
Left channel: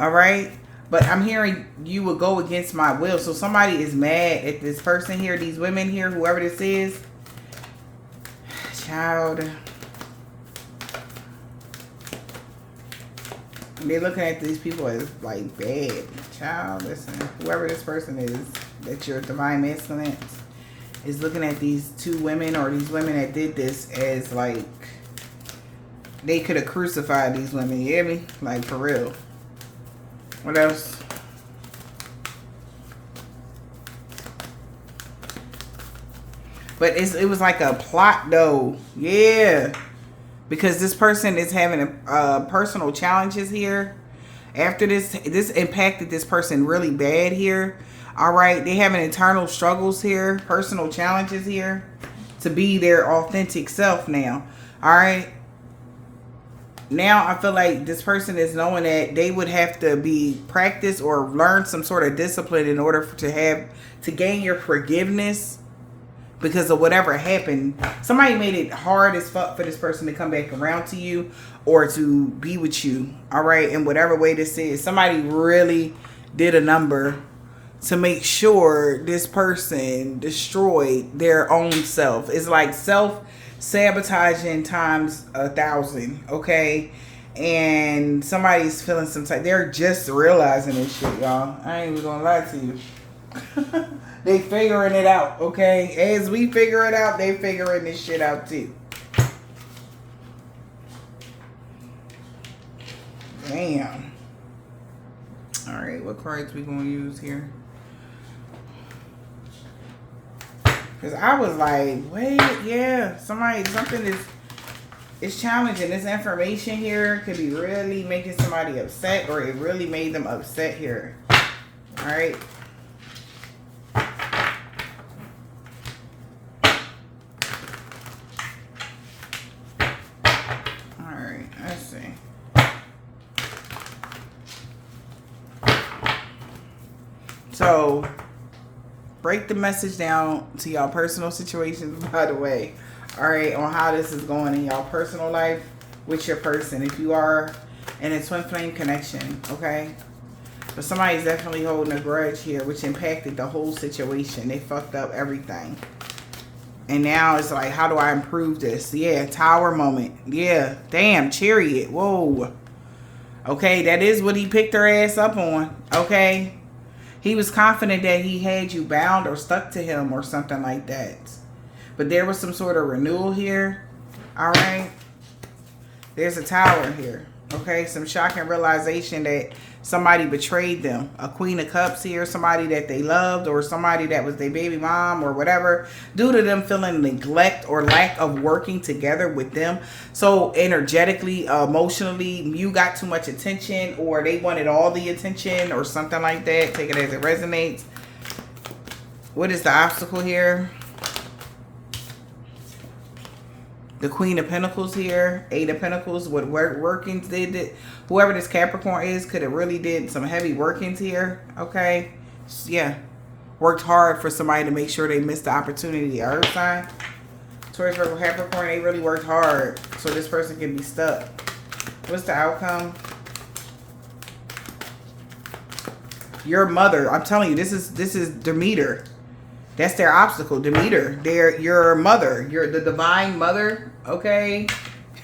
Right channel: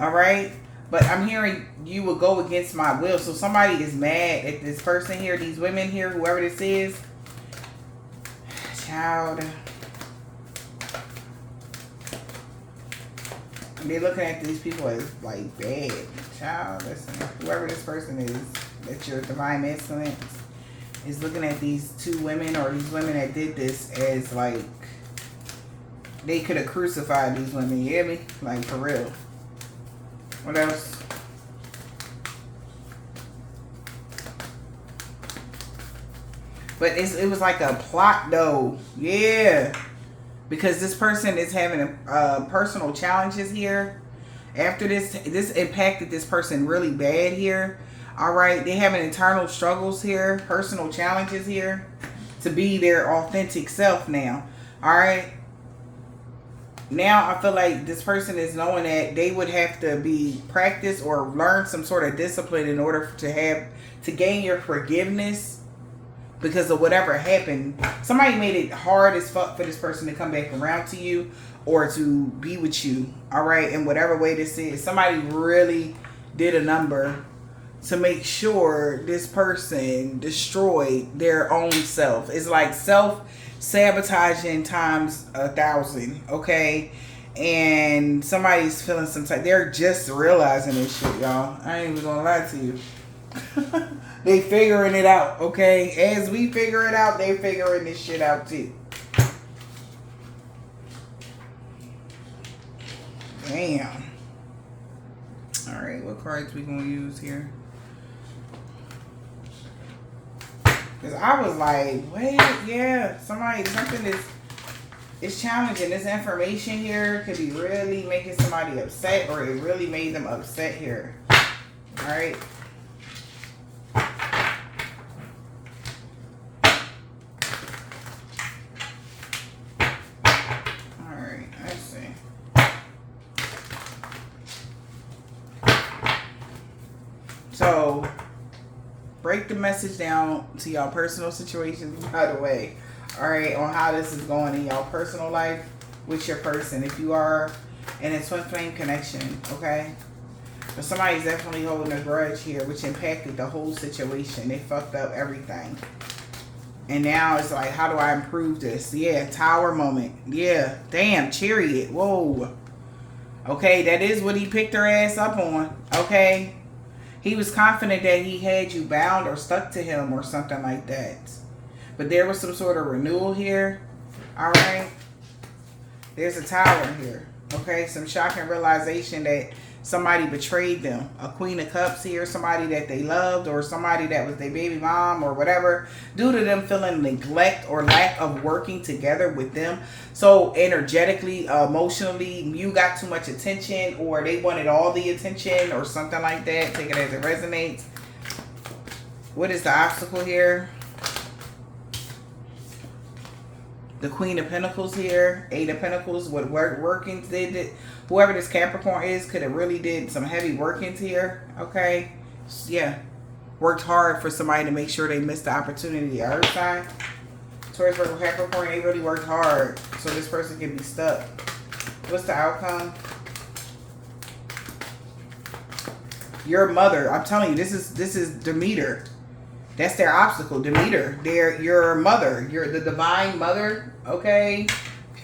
All right. But I'm hearing you will go against my will. So somebody is mad at this person here, these women here, whoever this is. Child. They're looking at these people as like bad. Child, listen. Whoever this person is, that your divine masculine is looking at these two women or these women that did this as like they could have crucified these women. You hear me? Like for real. What else? But it was like a plot though. Yeah. Because this person is having personal challenges here. After this impacted this person really bad here. All right. They having internal struggles here. Personal challenges here. To be their authentic self now. All right. Now I feel like this person is knowing that they would have to be practiced or learn some sort of discipline in order to gain your forgiveness. Because of whatever happened. Somebody made it hard as fuck for this person to come back around to you or to be with you. All right. In whatever way this is. Somebody really did a number to make sure this person destroyed their own self. It's like self-sabotaging times 1,000. Okay. And somebody's feeling some type. They're just realizing this shit, y'all. I ain't even gonna lie to you. They figuring it out, okay? As we figure it out, they figuring this shit out too. Damn. Alright, what cards we gonna use here? Because I was like, wait, yeah, something is challenging. This information here could be really making somebody upset, or it really made them upset here. Alright. So, break the message down to y'all personal situations, by the way. Alright, on how this is going in y'all personal life with your person. If you are in a twin flame connection, okay? But somebody's definitely holding a grudge here, which impacted the whole situation. They fucked up everything. And now it's like, how do I improve this? Yeah, tower moment. Yeah, damn, chariot. Whoa. Okay, that is what he picked her ass up on. Okay. He was confident that he had you bound or stuck to him or something like that. But there was some sort of renewal here. All right. There's a tower here. Okay. Some shocking realization that somebody betrayed them. A Queen of Cups here. Somebody that they loved or somebody that was their baby mom or whatever. Due to them feeling neglect or lack of working together with them. So energetically, emotionally, you got too much attention or they wanted all the attention or something like that. Take it as it resonates. What is the obstacle here? The Queen of Pentacles here, Eight of Pentacles, what workings they did. Whoever this Capricorn is could have really did some heavy workings here, okay? Yeah, worked hard for somebody to make sure they missed the opportunity. Earth sign, Taurus, Virgo, Capricorn, they really worked hard so this person can be stuck. What's the outcome? Your mother, I'm telling you, this is Demeter. That's their obstacle, Demeter. They're your mother. You're the divine mother, okay?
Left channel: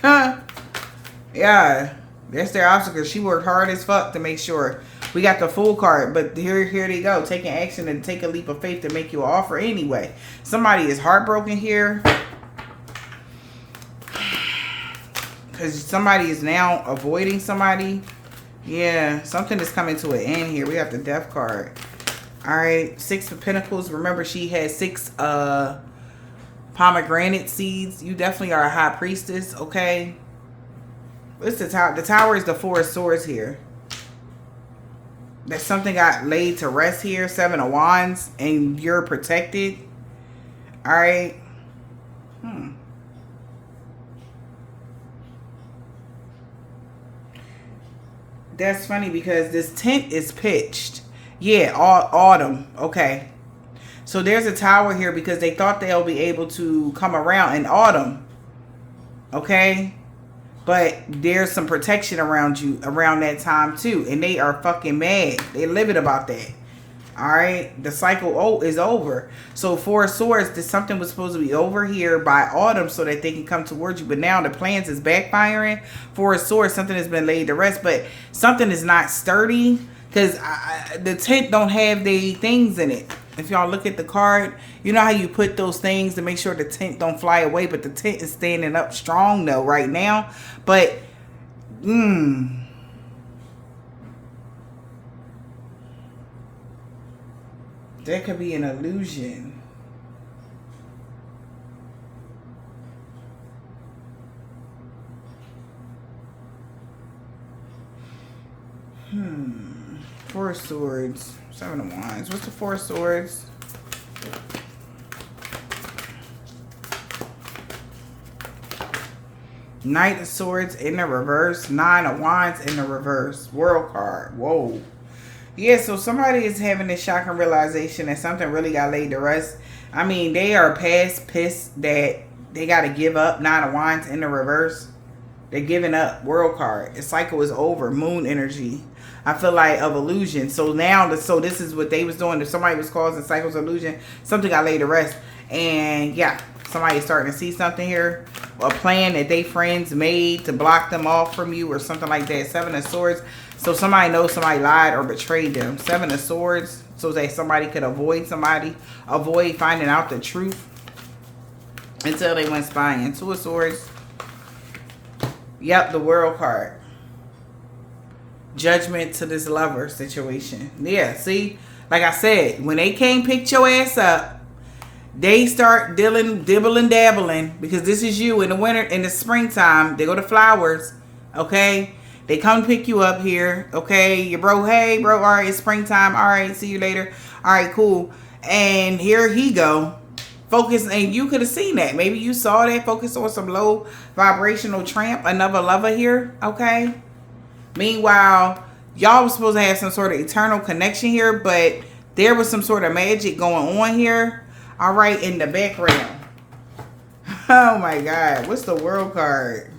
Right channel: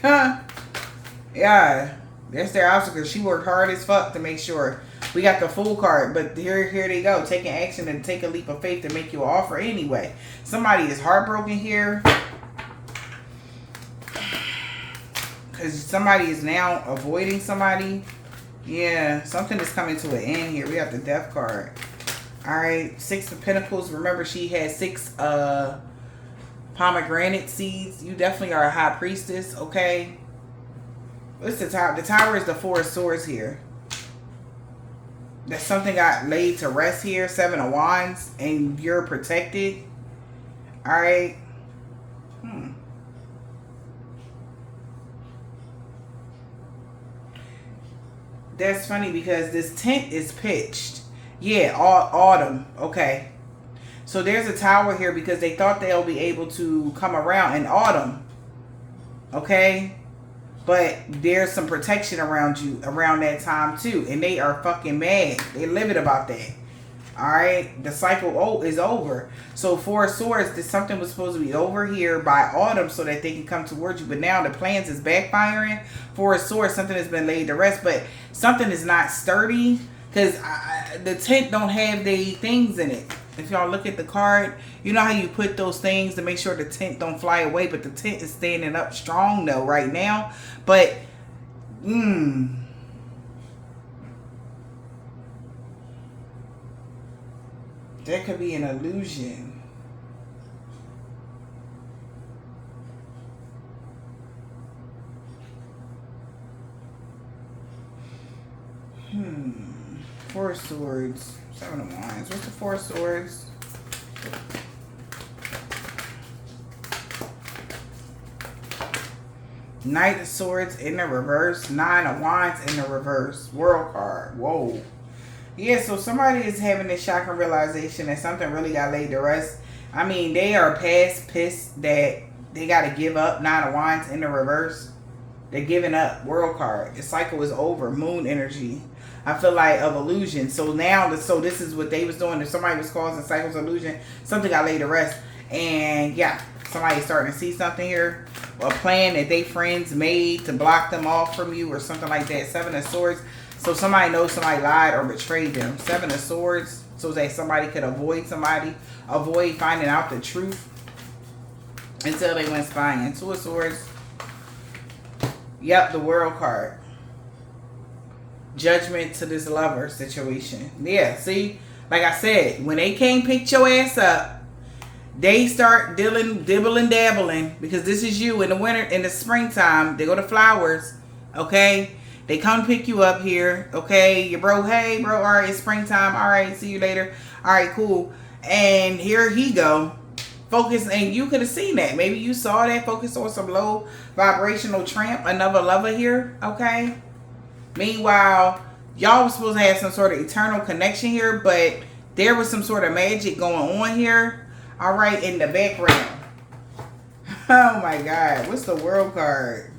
Yeah, that's their obstacle. She worked hard as fuck to make sure. We got the Fool card, but here they go. Taking action and take a leap of faith to make you an offer anyway. Somebody is heartbroken here. Because somebody is now avoiding somebody. Yeah, something is coming to an end here. We got the Death card. All right, Six of Pentacles. Remember, she had 6 pomegranate seeds. You definitely are a high priestess, okay? What's the tower? The tower is the Four of Swords here. That something got laid to rest here. 7 of Wands, and you're protected. All right. That's funny because this tent is pitched. Yeah, autumn. Okay. So there's a tower here because they thought they'll be able to come around in autumn. Okay. But there's some protection around you around that time too. And they are fucking mad. They livid about that. Alright. The cycle is over. So Four of Swords, something was supposed to be over here by autumn so that they can come towards you. But now the plans is backfiring. Four of Swords, something has been laid to rest. But something is not sturdy. Because the tent don't have the things in it. If y'all look at the card, you know how you put those things to make sure the tent don't fly away. But the tent is standing up strong though right now. But, that could be an illusion. Four of Swords, 7 of Wands. What's the Four of Swords? Knight of Swords in the reverse. 9 of Wands in the reverse. World card. Whoa. Yeah, so somebody is having this shocking realization that something really got laid to rest. I mean, they are past pissed that they got to give up. 9 of Wands in the reverse. They're giving up. World card. The cycle is over. Moon energy. I feel like of illusion. So now, so this is what they was doing. If somebody was causing cycles of illusion, something got laid to rest. And yeah, somebody's starting to see something here. A plan that they friends made to block them off from you or something like that. 7 of Swords. So somebody knows somebody lied or betrayed them. 7 of Swords. So that somebody could avoid somebody. Avoid finding out the truth. Until they went spying. 2 of Swords. Yep, the World card. Judgment to this lover situation. Yeah, see, like I said, when they can't pick your ass up, they start dibbling dabbling, because this is you in the winter, in the springtime. They go to flowers, okay? They come pick you up here, okay? Your bro, hey bro, all right, it's springtime, all right, see you later, all right, cool. And here he go, focus, and you could have seen that. Maybe you saw that. Focus on some low vibrational tramp, another lover here, okay? Meanwhile, y'all was supposed to have some sort of eternal connection here, but there was some sort of magic going on here. All right, in the background. Oh my God. What's the World card?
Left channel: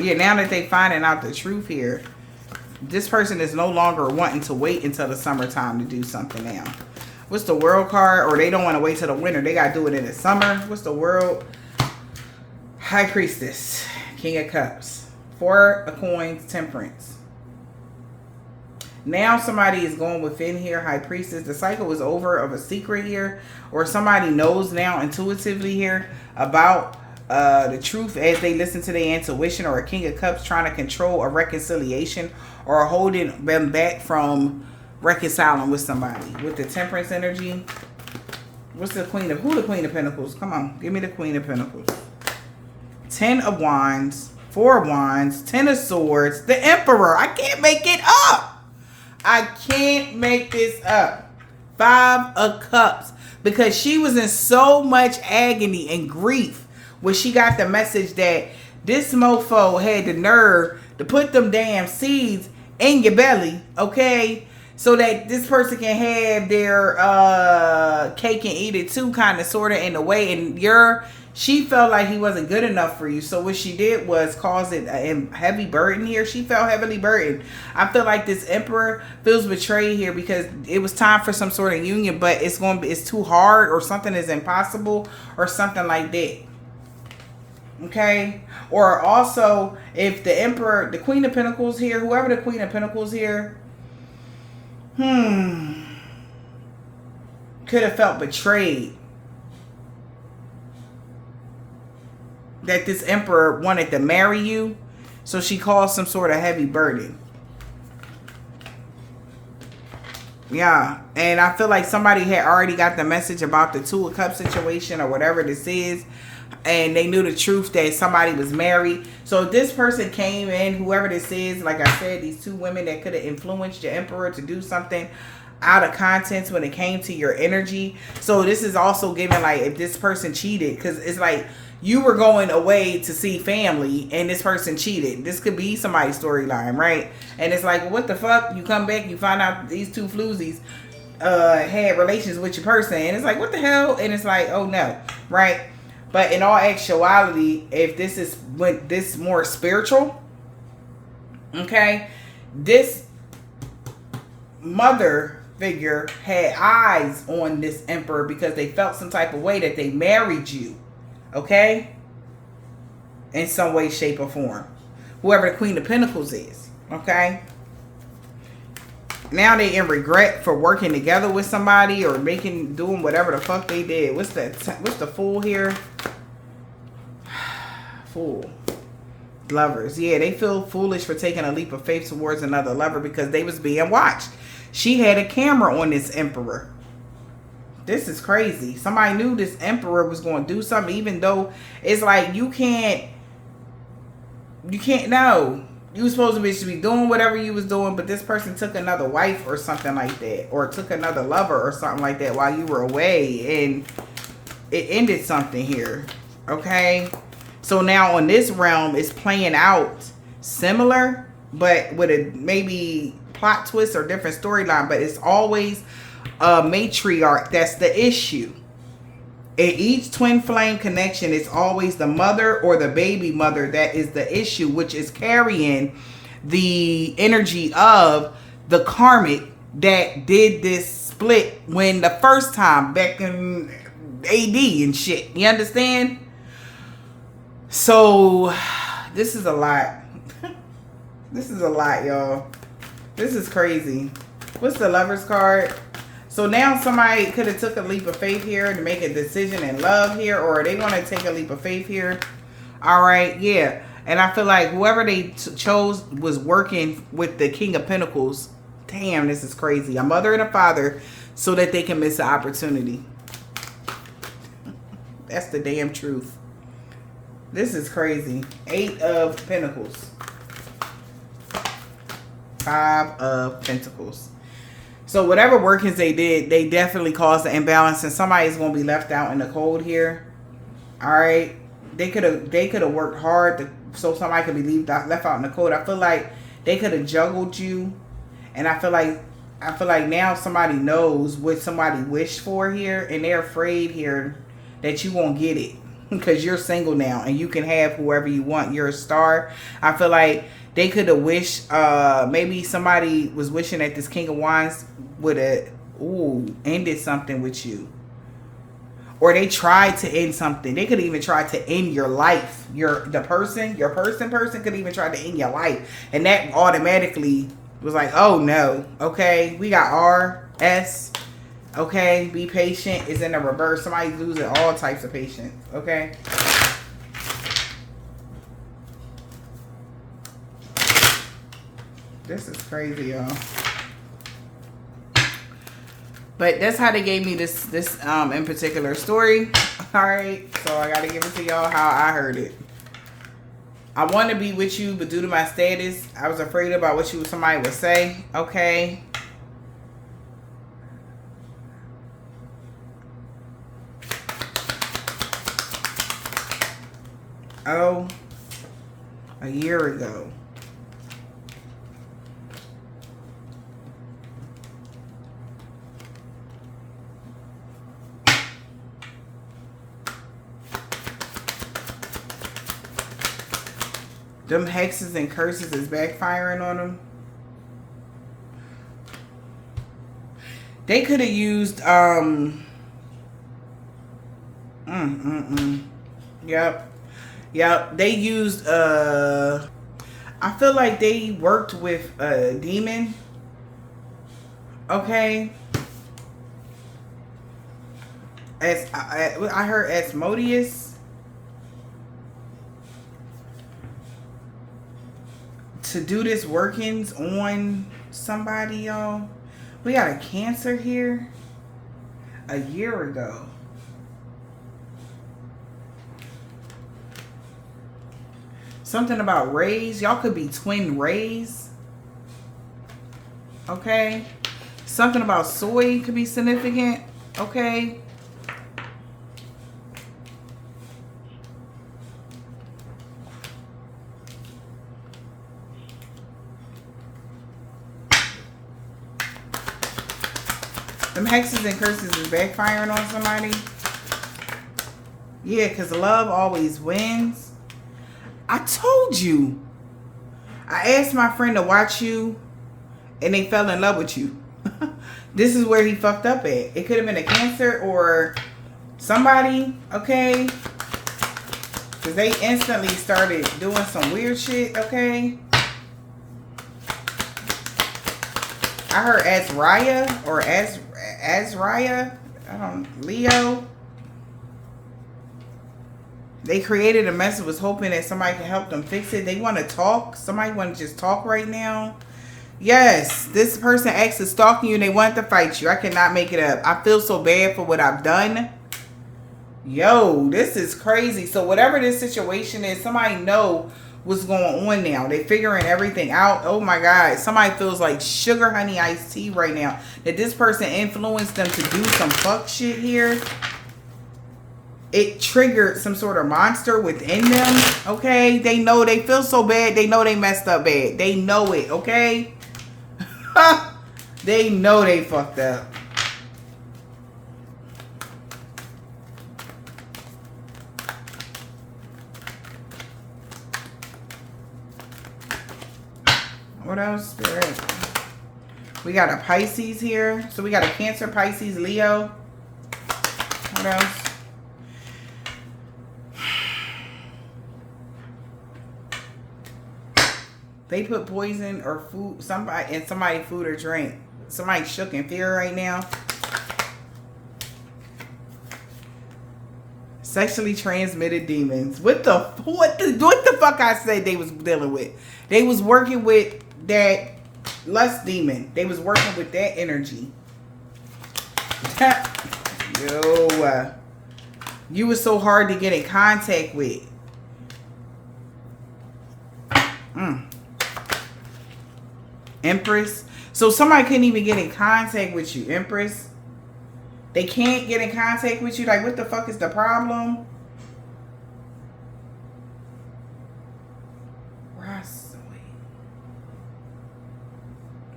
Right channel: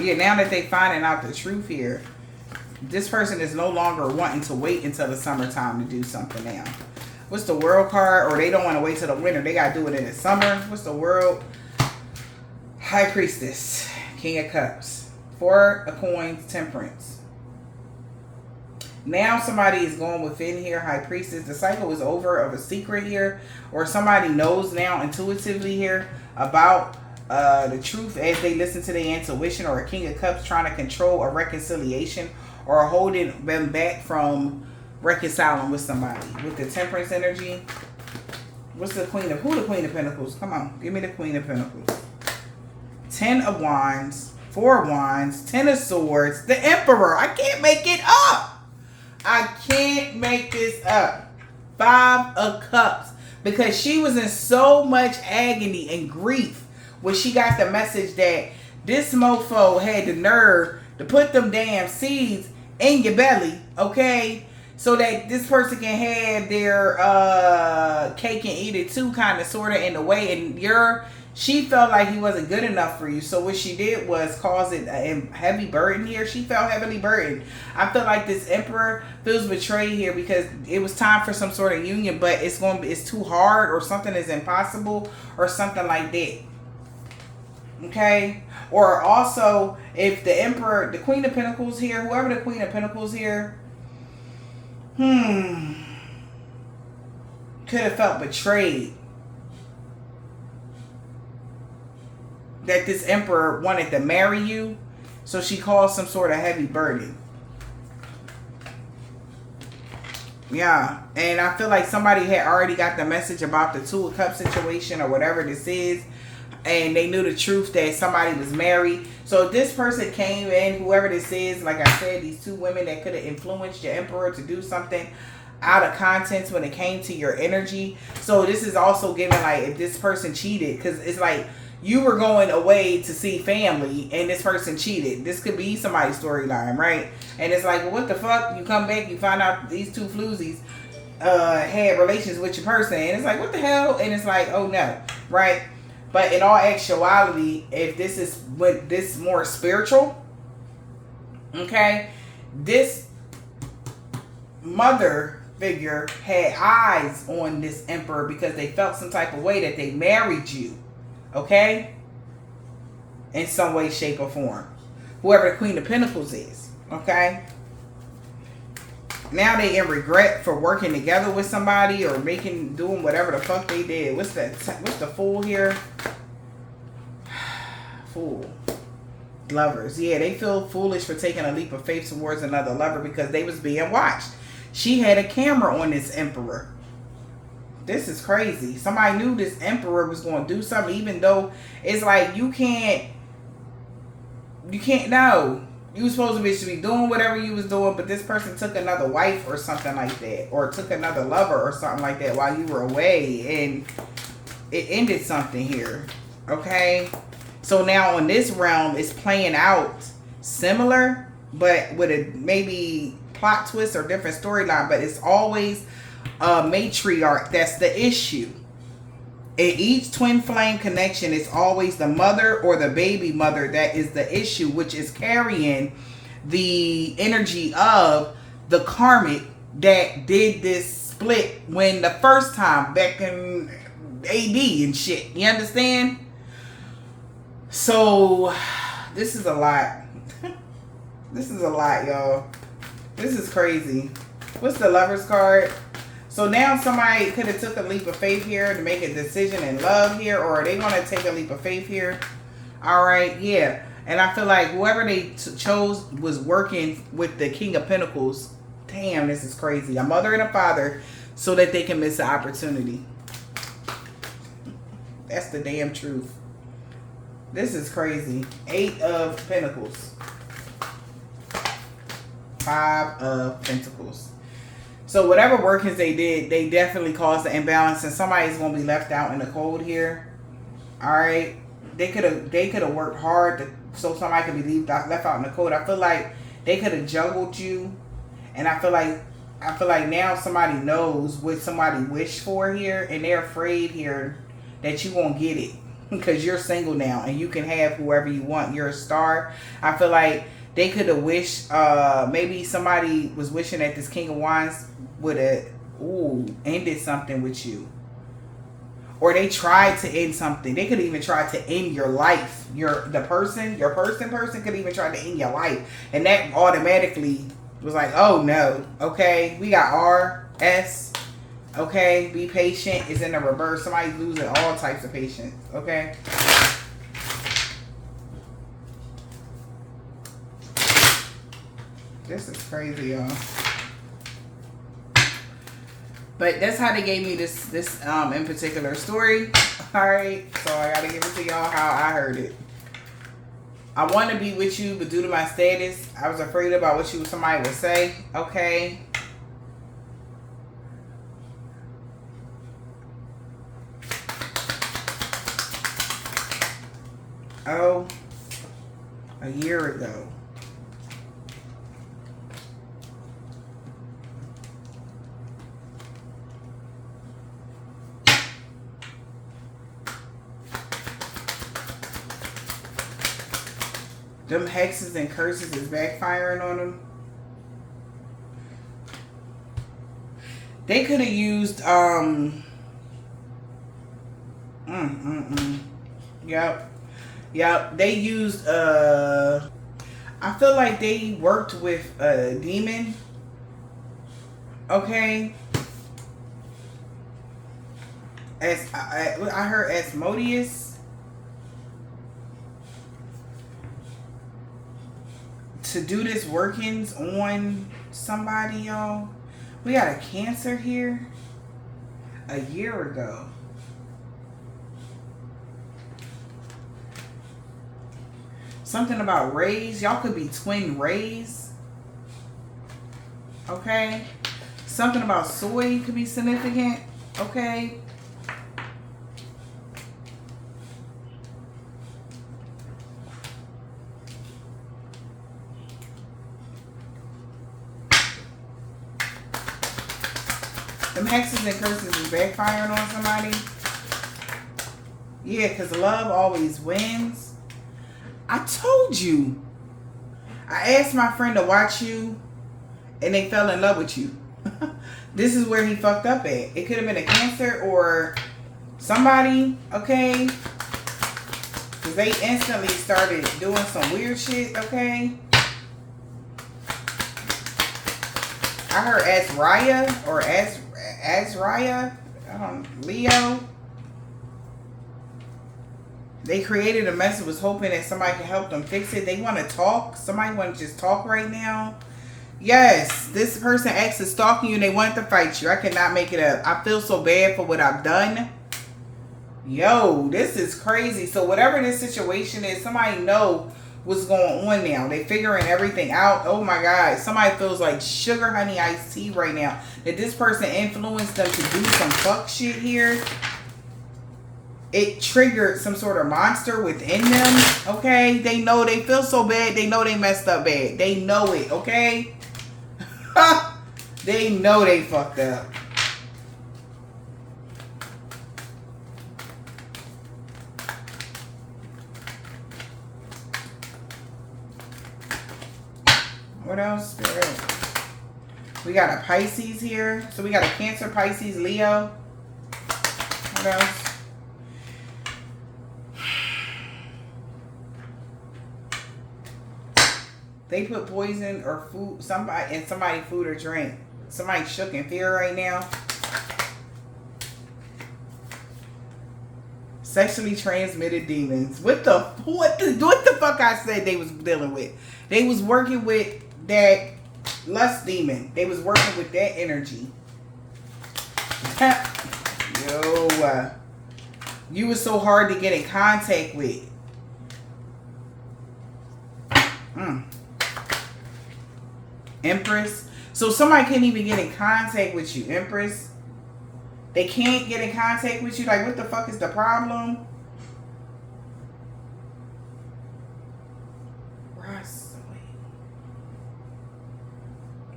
Yeah, now that they finding out the truth here, this person is no longer wanting to wait until the summertime to do something now. What's the World card? Or they don't want to wait till the winter. They got to do it in the summer. What's the World? High Priestess. King of Cups. 4 of Coins. Temperance. Now somebody is going within here. High Priestess. The cycle is over of a secret here. Or somebody knows now intuitively here about the truth as they listen to their intuition. Or a King of Cups trying to control a reconciliation. Or holding them back from reconciling with somebody. With the Temperance energy. What's the Queen of... Who the Queen of Pentacles? Come on. Give me the Queen of Pentacles. 10 of Wands. 4 of Wands. 10 of Swords. The Emperor. I can't make it up. I can't make this up. 5 of Cups. Because she was in so much agony and grief when she got the message that this mofo had the nerve to put them damn seeds in your belly, okay? So that this person can have their cake and eat it too, kind of, sort of, in a way. And she felt like he wasn't good enough for you. So what she did was cause it a heavy burden here. She felt heavily burdened. I feel like this Emperor feels betrayed here because it was time for some sort of union, but it's too hard, or something is impossible, or something like that. Okay? Or also, if the Emperor, the Queen of Pentacles here, whoever the Queen of Pentacles here, could have felt betrayed. That this Emperor wanted to marry you, so she caused some sort of heavy burden. Yeah, and I feel like somebody had already got the message about the 2 of Cups situation or whatever this is, and they knew the truth that somebody was married. So this person came in, whoever this is, like I said, these 2 women that could have influenced your Emperor to do something out of context when it came to your energy. So this is also giving, like, if this person cheated, because it's like you were going away to see family and this person cheated. This could be somebody's storyline, right? And it's like, well, what the fuck? You come back, you find out these 2 floozies had relations with your person, and it's like, what the hell? And it's like, oh no, right? But in all actuality, if this is what this more spiritual, okay, this mother figure had eyes on this Emperor because they felt some type of way that they married you, okay, in some way, shape, or form. Whoever the Queen of Pentacles is, okay. Now they in regret for working together with somebody or doing whatever the fuck they did. What's the Fool here? Fool. Lovers. Yeah, they feel foolish for taking a leap of faith towards another lover because they was being watched. She had a camera on this Emperor. This is crazy. Somebody knew this Emperor was going to do something, even though it's like you can't know. You were supposed to be doing whatever you was doing, but this person took another wife or something like that, or took another lover or something like that while you were away, and it ended something here, okay? So now on this realm, it's playing out similar, but with a maybe plot twist or different storyline, but it's always a matriarch that's the issue. In each twin flame connection, it's always the mother or the baby mother that is the issue, which is carrying the energy of the karmic that did this split when the first time back in AD and shit. You understand? So this is a lot. This is a lot, y'all. This is crazy. What's the Lover's card? So now somebody could have took a leap of faith here to make a decision in love here, or they want to take a leap of faith here. All right, yeah. And I feel like whoever they chose was working with the King of Pentacles. Damn, this is crazy. A mother and a father so that they can miss the opportunity. That's the damn truth. This is crazy. 8 of Pentacles. 5 of Pentacles. So whatever workings they did, they definitely caused the imbalance, and somebody's gonna be left out in the cold here. All right, they could have worked hard so somebody could be left out in the cold. I feel like they could have juggled you, and I feel like now somebody knows what somebody wished for here, and they're afraid here that you won't get it because you're single now and you can have whoever you want. You're a star. I feel like they could have wished, maybe somebody was wishing that this King of Wands would have ended something with you. Or they tried to end something. They could even try to end your life. Your person could even try to end your life. And that automatically was like, oh no. Okay, we got R, S. Okay, be patient is in the reverse. Somebody's losing all types of patience. Okay. This is crazy, y'all. But that's how they gave me this in particular story. Alright, so I gotta give it to y'all how I heard it. I want to be with you, but due to my status, I was afraid about what somebody would say. Okay. Oh, a year ago. Them hexes and curses is backfiring on them. They could have used Yep. Yep. They used I feel like they worked with a demon. Okay. As I heard Asmodeus to do this workings on somebody, y'all. We got a Cancer here a year ago. Something about rays. Y'all could be twin rays. Okay. Something about soy could be significant. Okay. Them hexes and curses is backfiring on somebody. Yeah, because love always wins. I told you. I asked my friend to watch you, and they fell in love with you. This is where he fucked up at. It could have been a Cancer or somebody, okay? Because they instantly started doing some weird shit, okay? I heard Azraya or Azraya, Leo. They created a mess and was hoping that somebody can help them fix it. They want to talk. Somebody want to just talk right now. Yes, this person actually stalking you and they want to fight you. I cannot make it up. I feel so bad for what I've done. Yo, this is crazy. So whatever this situation is, somebody know what's going on now. They figuring everything out. Oh my God. Somebody feels like sugar honey iced tea right now. That this person influenced them to do some fuck shit here. It triggered some sort of monster within them. Okay. They know they feel so bad. They know they messed up bad. They know it. Okay. They know they fucked up. What else? Spirit. We got a Pisces here. So we got a Cancer, Pisces, Leo. What else? They put poison or food in somebody's food or drink. Somebody shook in fear right now. Sexually transmitted demons. What the fuck I said they was dealing with? They was working with that lust demon. They was working with that energy. Yo, you was so hard to get in contact with. Empress. So somebody couldn't even get in contact with you, Empress. They can't get in contact with you. Like, what the fuck is the problem?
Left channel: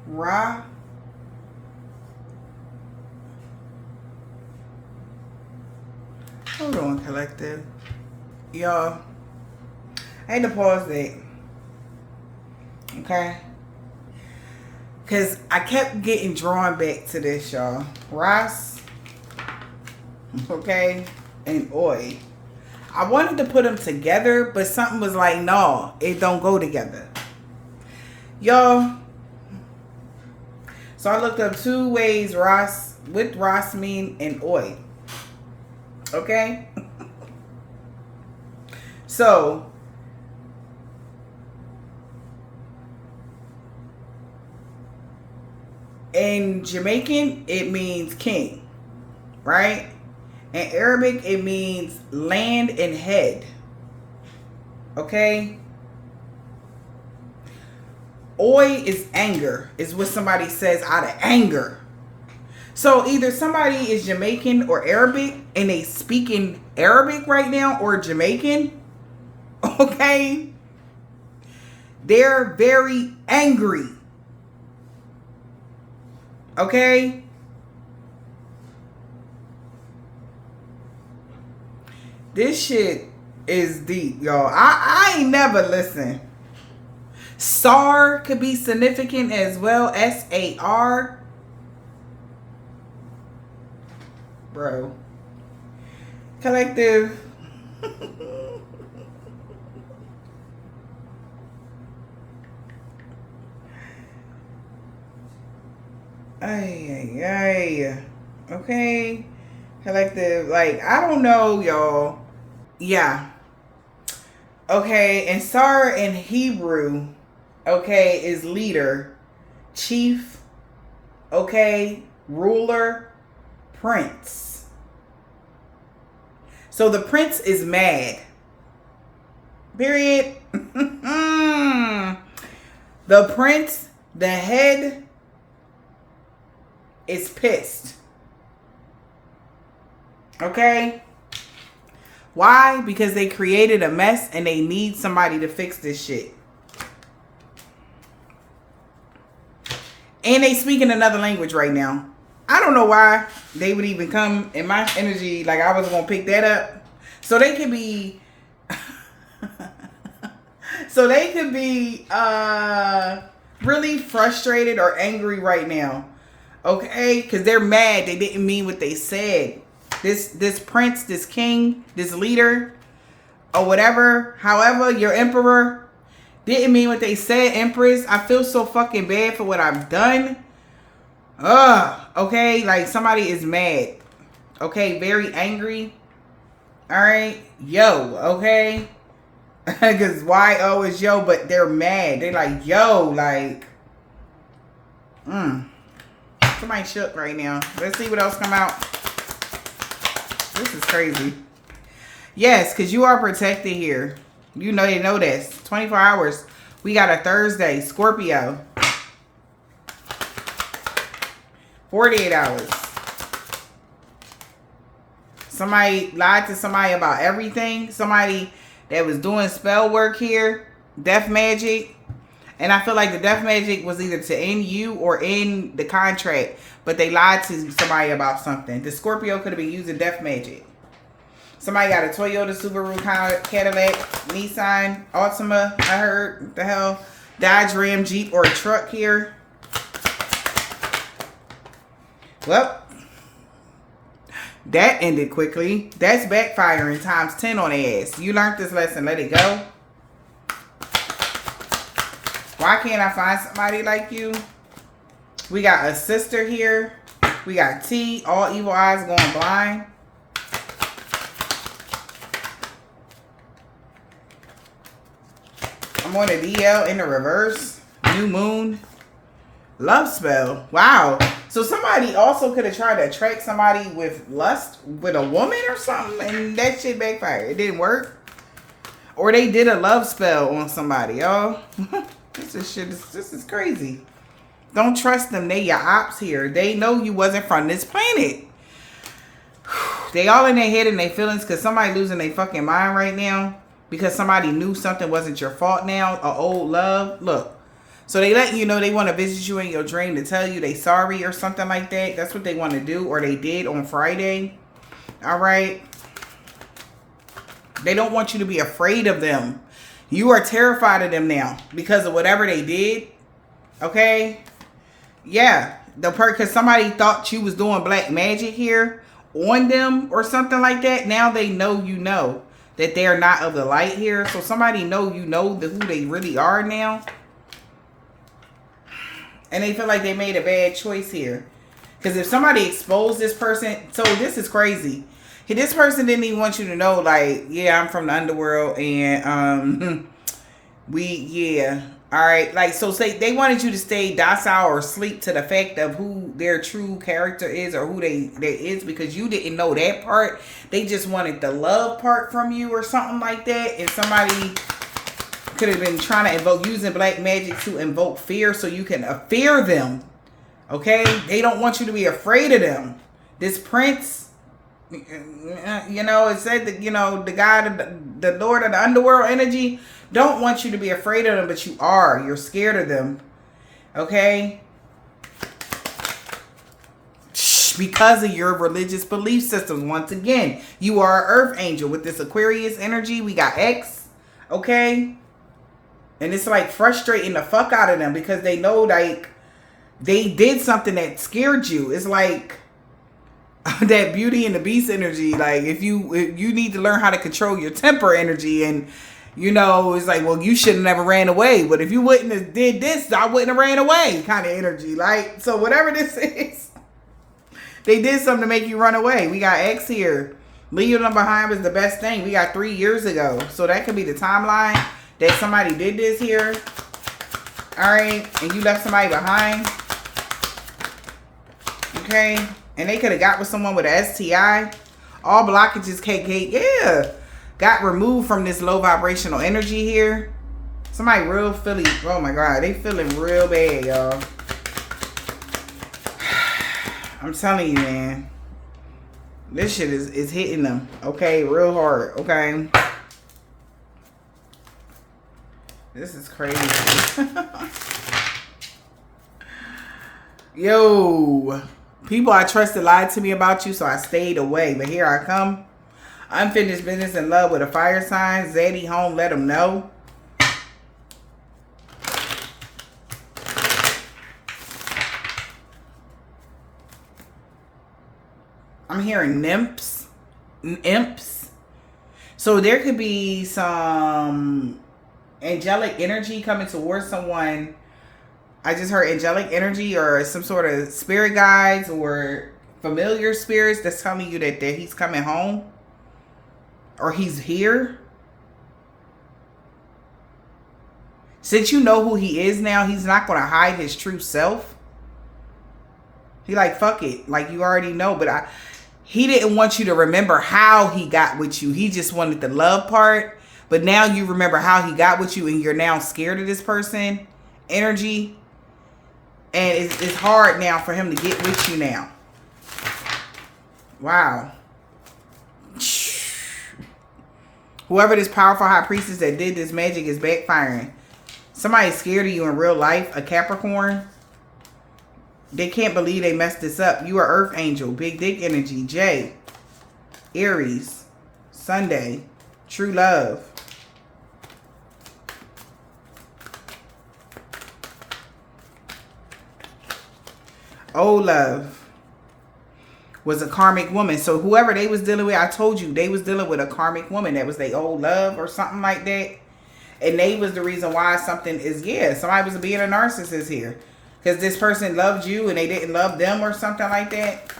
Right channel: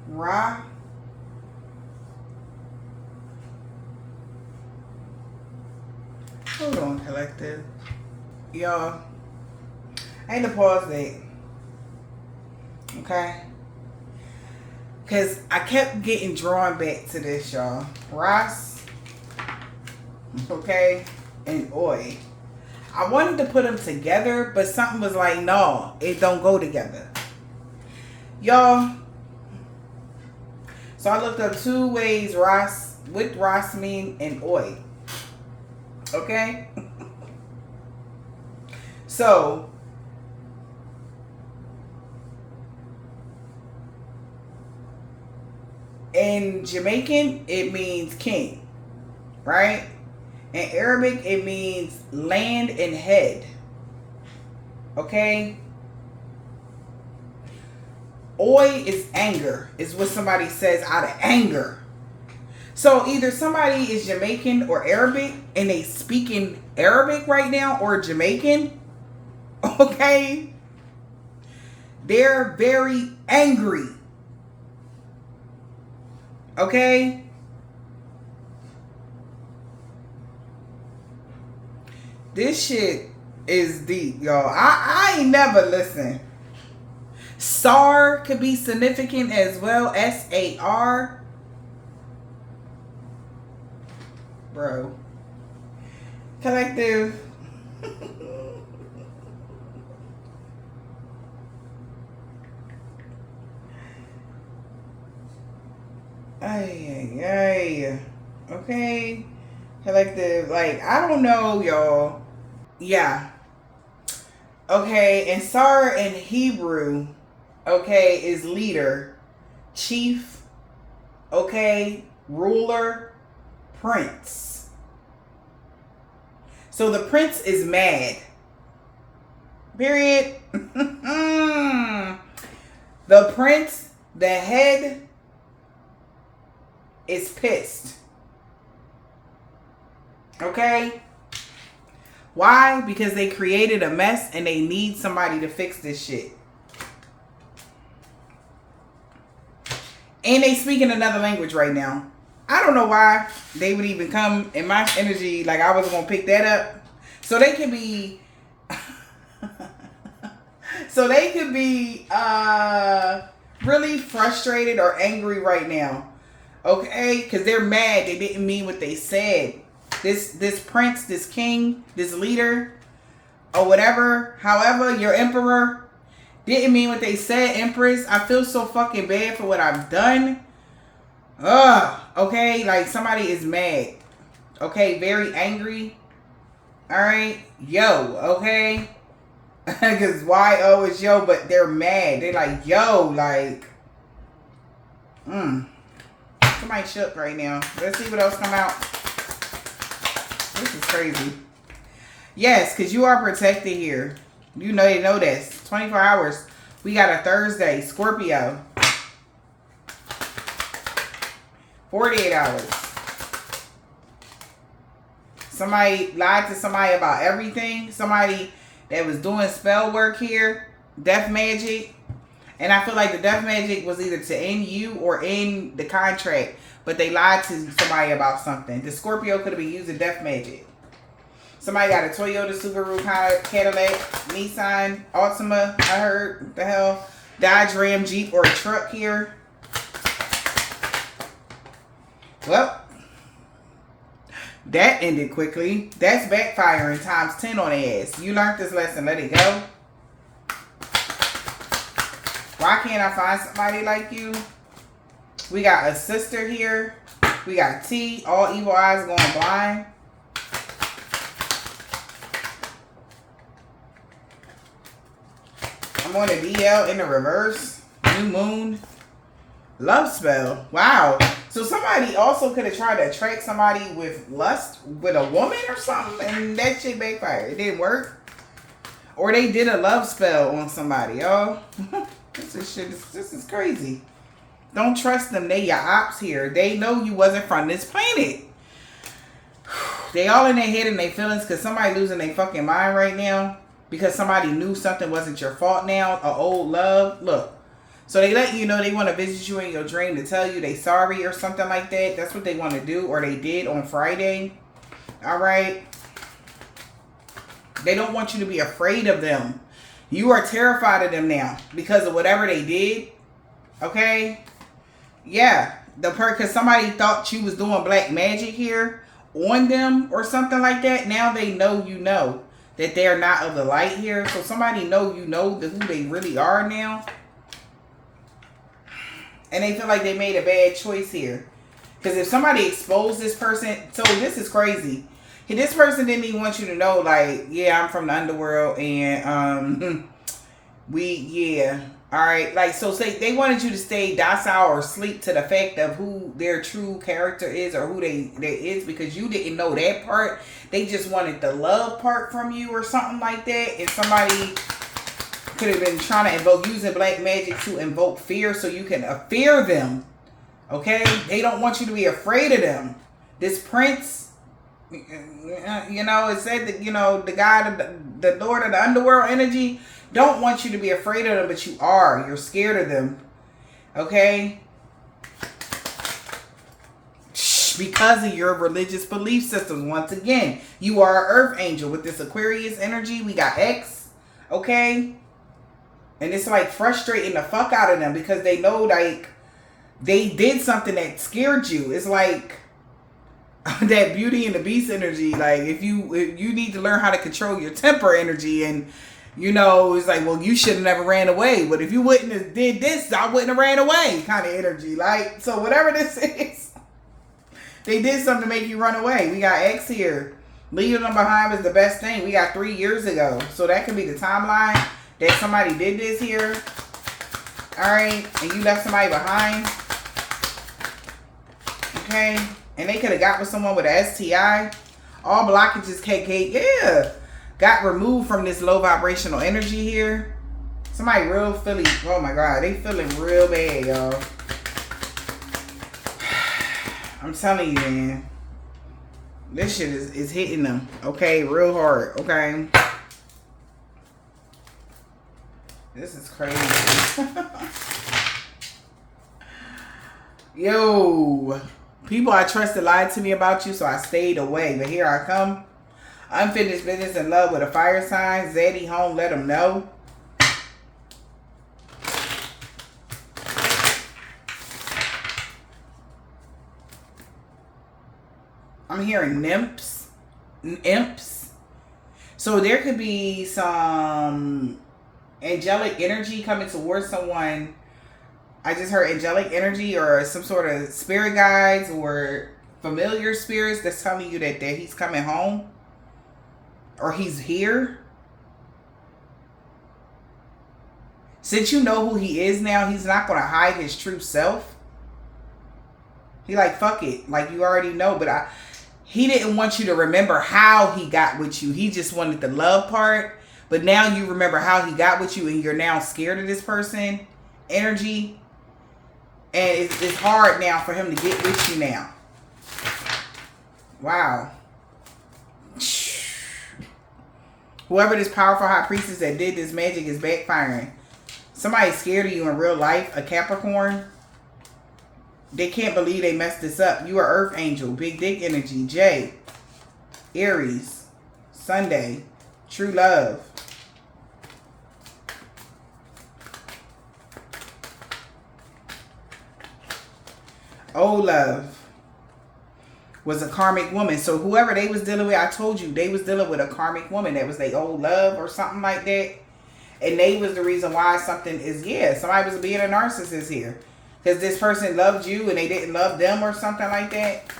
Ra. Hold on, collective. Y'all, I had to pause that. Okay? Because I kept getting drawn back to this, y'all. Ross, okay, and Oi. I wanted to put them together, but something was like, no, it don't go together. Y'all, so I looked up 2 ways Ross, what Ross mean and Oi. Okay? So, in Jamaican, it means king, right? In Arabic, it means land and head. Okay? Oi is anger, is what somebody says out of anger. So either somebody is Jamaican or Arabic, and they speak in Arabic right now, or Jamaican, Okay? They're very angry. Okay? This shit is deep, y'all. I ain't never listened. SAR could be significant as well. SAR. Bro. Collective. Ay. Okay. Collective. Like, I don't know, y'all. Yeah. Okay. And SAR in Hebrew, okay, is leader, chief, okay, ruler, prince. So the prince is mad. Period. The prince, the head, is pissed. Okay? Why? Because they created a mess and they need somebody to fix this shit. And they speak in another language right now. I don't know why they would even come in my energy. Like, I wasn't going to pick that up. So they could be... really frustrated or angry right now. Okay? Because they're mad. They didn't mean what they said. This prince, this king, this leader, or whatever, however, your emperor, didn't mean what they said, empress. I feel so fucking bad for what I've done. Okay? Like, somebody is mad. Okay? Very angry. Alright? Yo, okay? Because YO is yo, but they're mad. They're like, yo, like, somebody shook right now. Let's see what else come out. This is crazy. Yes, because you are protected here. You know this. 24 hours. We got a Thursday. Scorpio. 48 hours. Somebody lied to somebody about everything. Somebody that was doing spell work here. Death magic. And I feel like the death magic was either to end you or end the contract. But they lied to somebody about something. The Scorpio could have been using death magic. Somebody got a Toyota, Subaru, Cadillac, Nissan, Altima. I heard. What the hell? Dodge, Ram, Jeep, or a truck here. Well, that ended quickly. That's backfiring times 10 on the ass. You learned this lesson. Let it go. Why can't I find somebody like you? We got a sister here. We got T. All evil eyes going blind. I'm on a DL in the reverse. New moon. Love spell. Wow. So somebody also could have tried to attract somebody with lust with a woman or something, and that shit backfired. It didn't work. Or they did a love spell on somebody, y'all. This is crazy. Don't trust them. They your ops here. They know you wasn't from this planet. They all in their head and their feelings because somebody losing their fucking mind right now because somebody knew something wasn't your fault now. An old love. Look. So they let you know they want to visit you in your dream to tell you they sorry or something like that. That's what they want to do, or they did on Friday. All right. They don't want you to be afraid of them. You are terrified of them now because of whatever they did. Okay. Yeah. Because somebody thought you was doing black magic here on them or something like that. Now they know you know that they're not of the light here. So somebody know you know who they really are now. And they feel like they made a bad choice here. Because if somebody exposed this person... So this is crazy. This person didn't even want you to know, like, yeah, I'm from the underworld. And, all right. Like, so say they wanted you to stay docile or sleep to the fact of who their true character is or who they is. Because you didn't know that part. They just wanted the love part from you or something like that. And somebody... could have been trying to invoke using black magic to invoke fear so you can fear them. Okay? They don't want you to be afraid of them. This prince, You know, it said that, you know, the guy, the Lord of the underworld energy, don't want you to be afraid of them, but you are. You're scared of them. Okay? Because of your religious belief systems. Once again, you are an earth angel. With this Aquarius energy, we got X. Okay? And it's like frustrating the fuck out of them because they know, like, they did something that scared you. It's like that Beauty and the Beast energy. Like, if you need to learn how to control your temper energy, and you know, it's like, well, you should have never ran away. But if you wouldn't have did this, I wouldn't have ran away, kind of energy. Like, so whatever this is, they did something to make you run away. We got X here. Leaving them behind was the best thing. We got 3 years ago. So that could be the timeline that somebody did this here. All right. And you left somebody behind. Okay. And they could have got with someone with an STI. All blockages, yeah, got removed from this low vibrational energy here. Somebody real feeling, oh my God, they feeling real bad, y'all. I'm telling you, man. This shit is hitting them, okay, real hard, okay? This is crazy. Yo. People I trusted lied to me about you, so I stayed away. But here I come. Unfinished business in love with a fire sign. Zaddy home, let them know. I'm hearing nymphs. Imps. So there could be some angelic energy coming towards someone. I just heard angelic energy or some sort of spirit guides or familiar spirits that's telling you that he's coming home or he's here. Since you know who he is now, he's not going to hide his true self. He like, fuck it. Like, you already know, but he didn't want you to remember how he got with you. He just wanted the love part. But now you remember how he got with you and you're now scared of this person energy. And it's hard now for him to get with you now. Wow. Whoever this powerful high priestess that did this magic is backfiring. Somebody's scared of you in real life. A Capricorn. They can't believe they messed this up. You are Earth Angel. Big Dick Energy. J. Aries. Sunday. True Love. Old Love was a karmic woman. So whoever they was dealing with, I told you, they was dealing with a karmic woman. That was their old love or something like that. And they was the reason why something is, somebody was being a narcissist here. Because this person loved you and they didn't love them or something like that.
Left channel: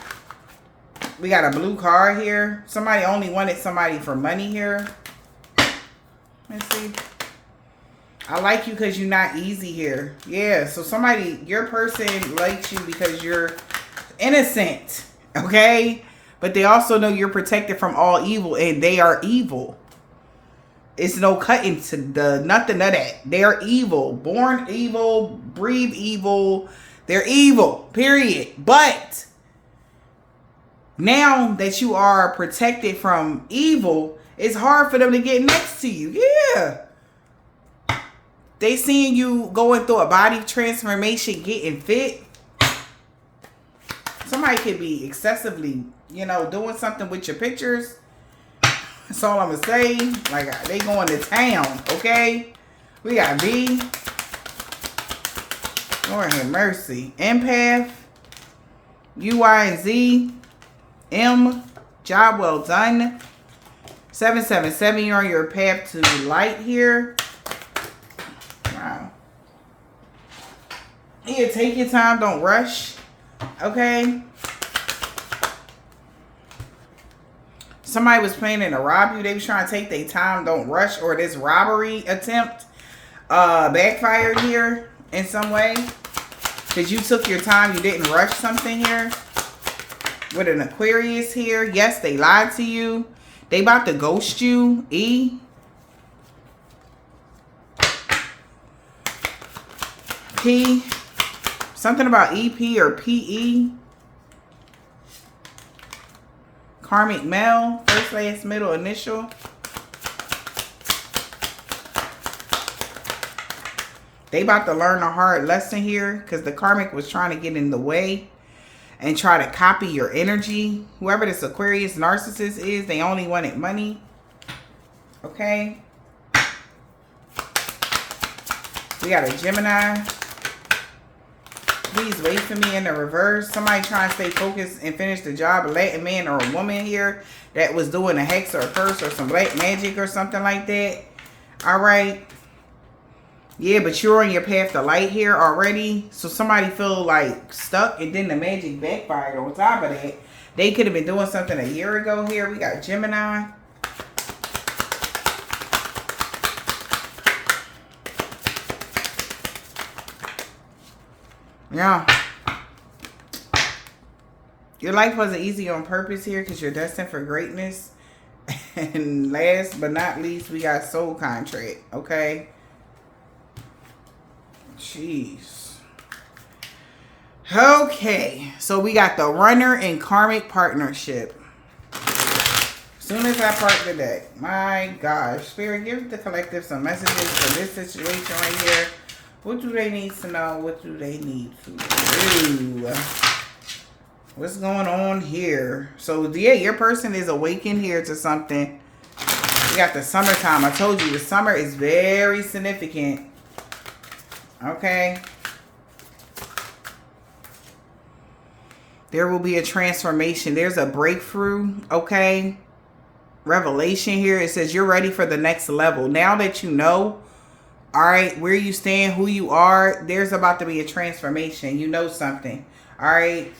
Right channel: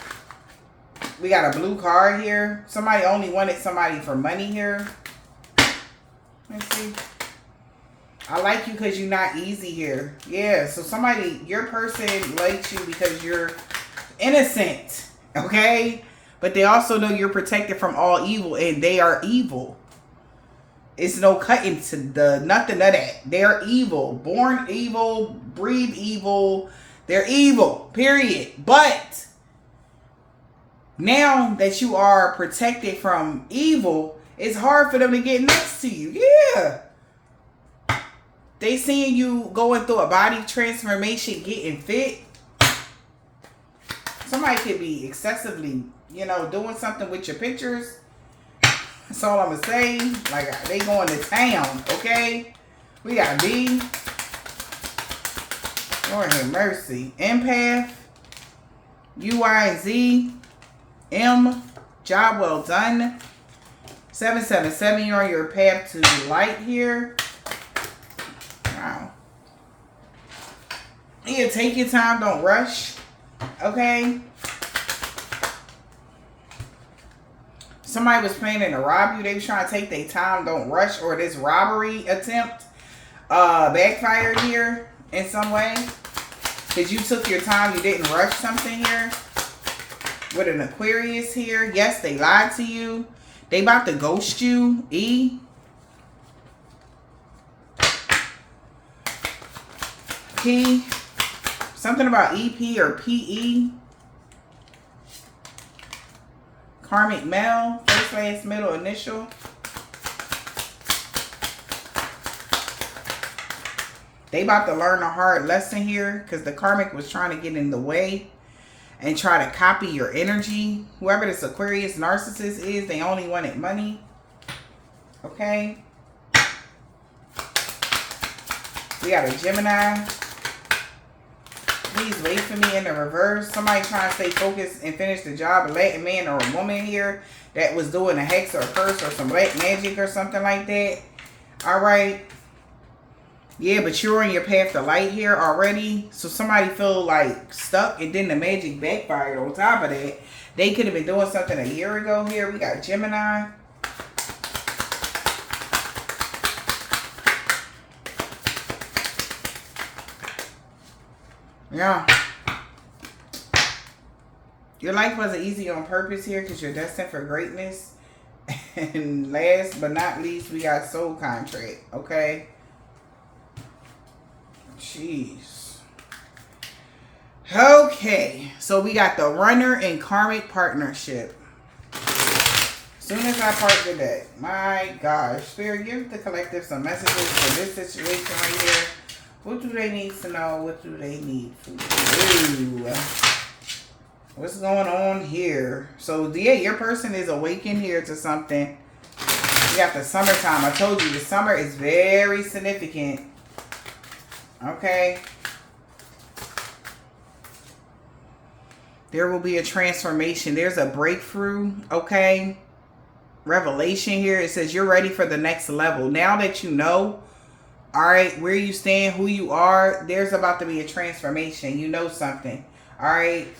We got a blue card here. Somebody only wanted somebody for money here. Let's see. I like you because you're not easy here. Yeah, so somebody, your person likes you because you're innocent, okay? But they also know you're protected from all evil, and they are evil. It's no cutting to the nothing of that. They're evil. Born evil, breathe evil. They're evil, period. But now that you are protected from evil, it's hard for them to get next to you. Yeah. They seeing you going through a body transformation, getting fit. Somebody could be excessively, doing something with your pictures. That's all I'm going to say. Like, they going to town, okay? We got B. Lord have mercy. Empath. U, Y, and Z. M. Job well done. 777, you're on your path to light here. Wow. Yeah, take your time. Don't rush. Okay? Somebody was planning to rob you. They was trying to take their time. Don't rush. Or this robbery attempt backfired here in some way. Because you took your time. You didn't rush something here. With an Aquarius here. Yes, they lied to you. They about to ghost you. E. P. Something about EP or PE. Karmic male, first, last, middle, initial. They about to learn a hard lesson here because the karmic was trying to get in the way and try to copy your energy. Whoever this Aquarius narcissist is, they only wanted money. Okay. We got a Gemini. Please wait for me in the reverse. Somebody trying to stay focused and finish the job. A Latin man or a woman here that was doing a hex or a curse or some black magic or something like that. All right. Yeah, but you're on your path to light here already. So somebody feel like stuck and then the magic backfired on top of that. They could have been doing something a year ago here. We got Gemini. Yeah. Your life wasn't easy on purpose here because you're destined for greatness. And last but not least, we got soul contract. Okay. Jeez. Okay. So we got the runner and karmic partnership. As soon as I part the deck. My gosh. Spirit, give the collective some messages for this situation right here. What do they need to know? What do they need to do? What's going on here? So, yeah, your person is awakened here to something. You got the summertime. I told you the summer is very significant. Okay. There will be a transformation. There's a breakthrough. Okay. Revelation here. It says you're ready for the next level. Now that you know, all right, where you stand, who you are, there's about to be a transformation. You know something. All right.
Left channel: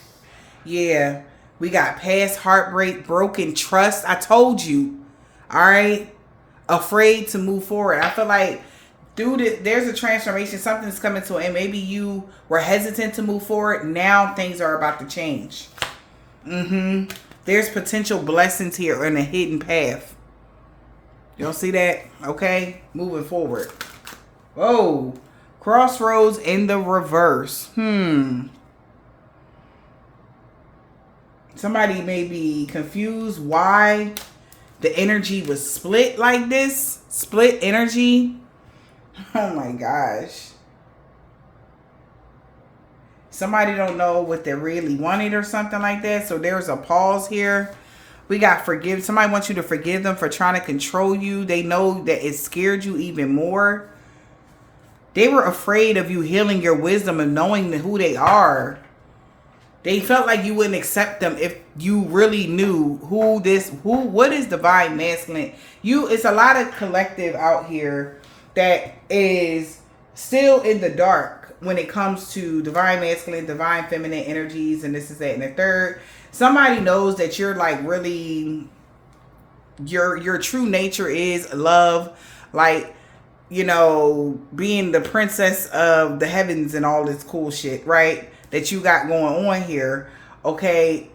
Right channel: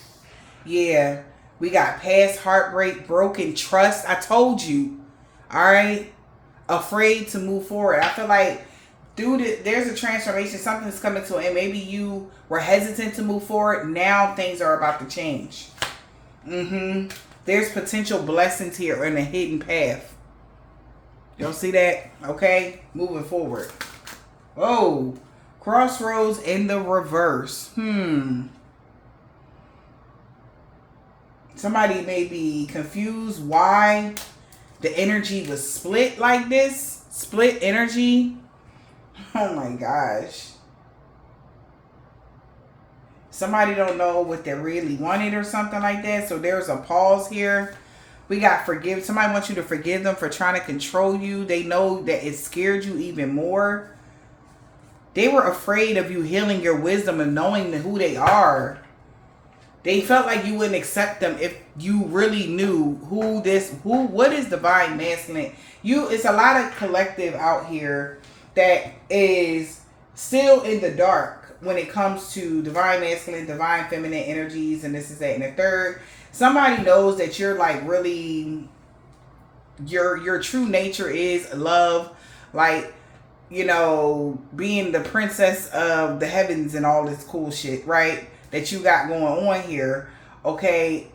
Yeah. We got past heartbreak, broken trust. I told you. All right. Afraid to move forward. I feel like, dude, there's a transformation. Something's coming to it. And maybe you were hesitant to move forward. Now things are about to change. There's potential blessings here in a hidden path. Y'all see that? Okay. Moving forward. Oh, crossroads in the reverse. Somebody may be confused why the energy was split like this. Split energy. Oh my gosh. Somebody don't know what they really wanted or something like that. So there was a pause here. We got forgive. Somebody wants you to forgive them for trying to control you. They know that it scared you even more. They were afraid of you healing your wisdom and knowing who they are. They felt like you wouldn't accept them if you really knew what is divine masculine. It's a lot of collective out here that is still in the dark when it comes to divine masculine, divine feminine energies, and this is that and the third. Somebody knows that you're like really, your true nature is love, like, you know, being the princess of the heavens and all this cool shit, right? That you got going on here. Okay.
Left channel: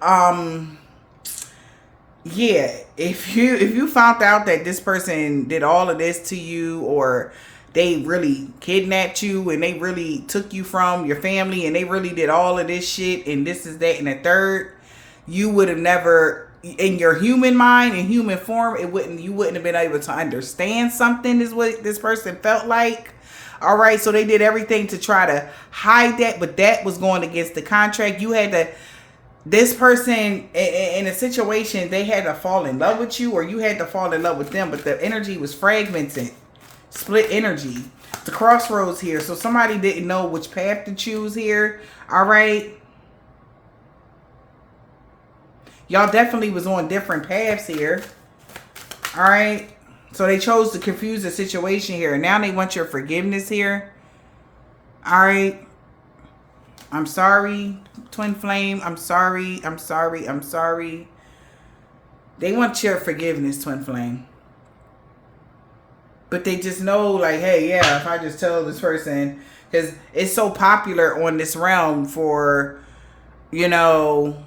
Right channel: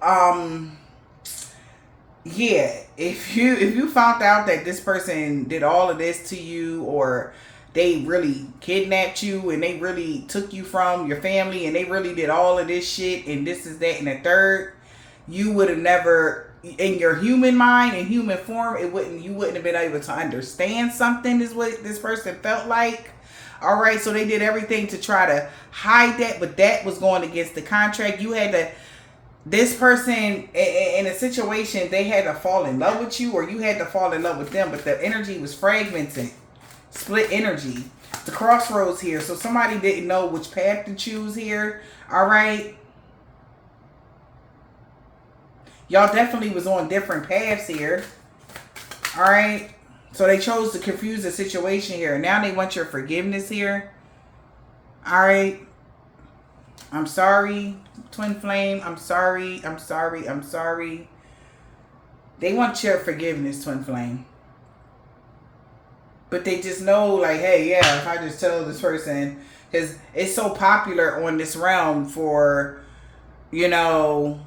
Yeah. If you found out that this person did all of this to you, or they really kidnapped you and they really took you from your family and they really did all of this shit and this is that and the third, you would have never, in your human mind and human form, you wouldn't have been able to understand something is what this person felt like. All right, so they did everything to try to hide that, but that was going against the contract. You had to, this person in a situation, they had to fall in love with you, or you had to fall in love with them, but the energy was fragmented, split energy. The crossroads here, so somebody didn't know which path to choose here. All right. Y'all definitely was on different paths here. All right. So they chose to confuse the situation here. Now they want your forgiveness here. All right. I'm sorry, twin flame. I'm sorry. I'm sorry. I'm sorry. They want your forgiveness, twin flame. But they just know, like, hey, yeah, if I just tell this person, because it's so popular on this realm for, you know,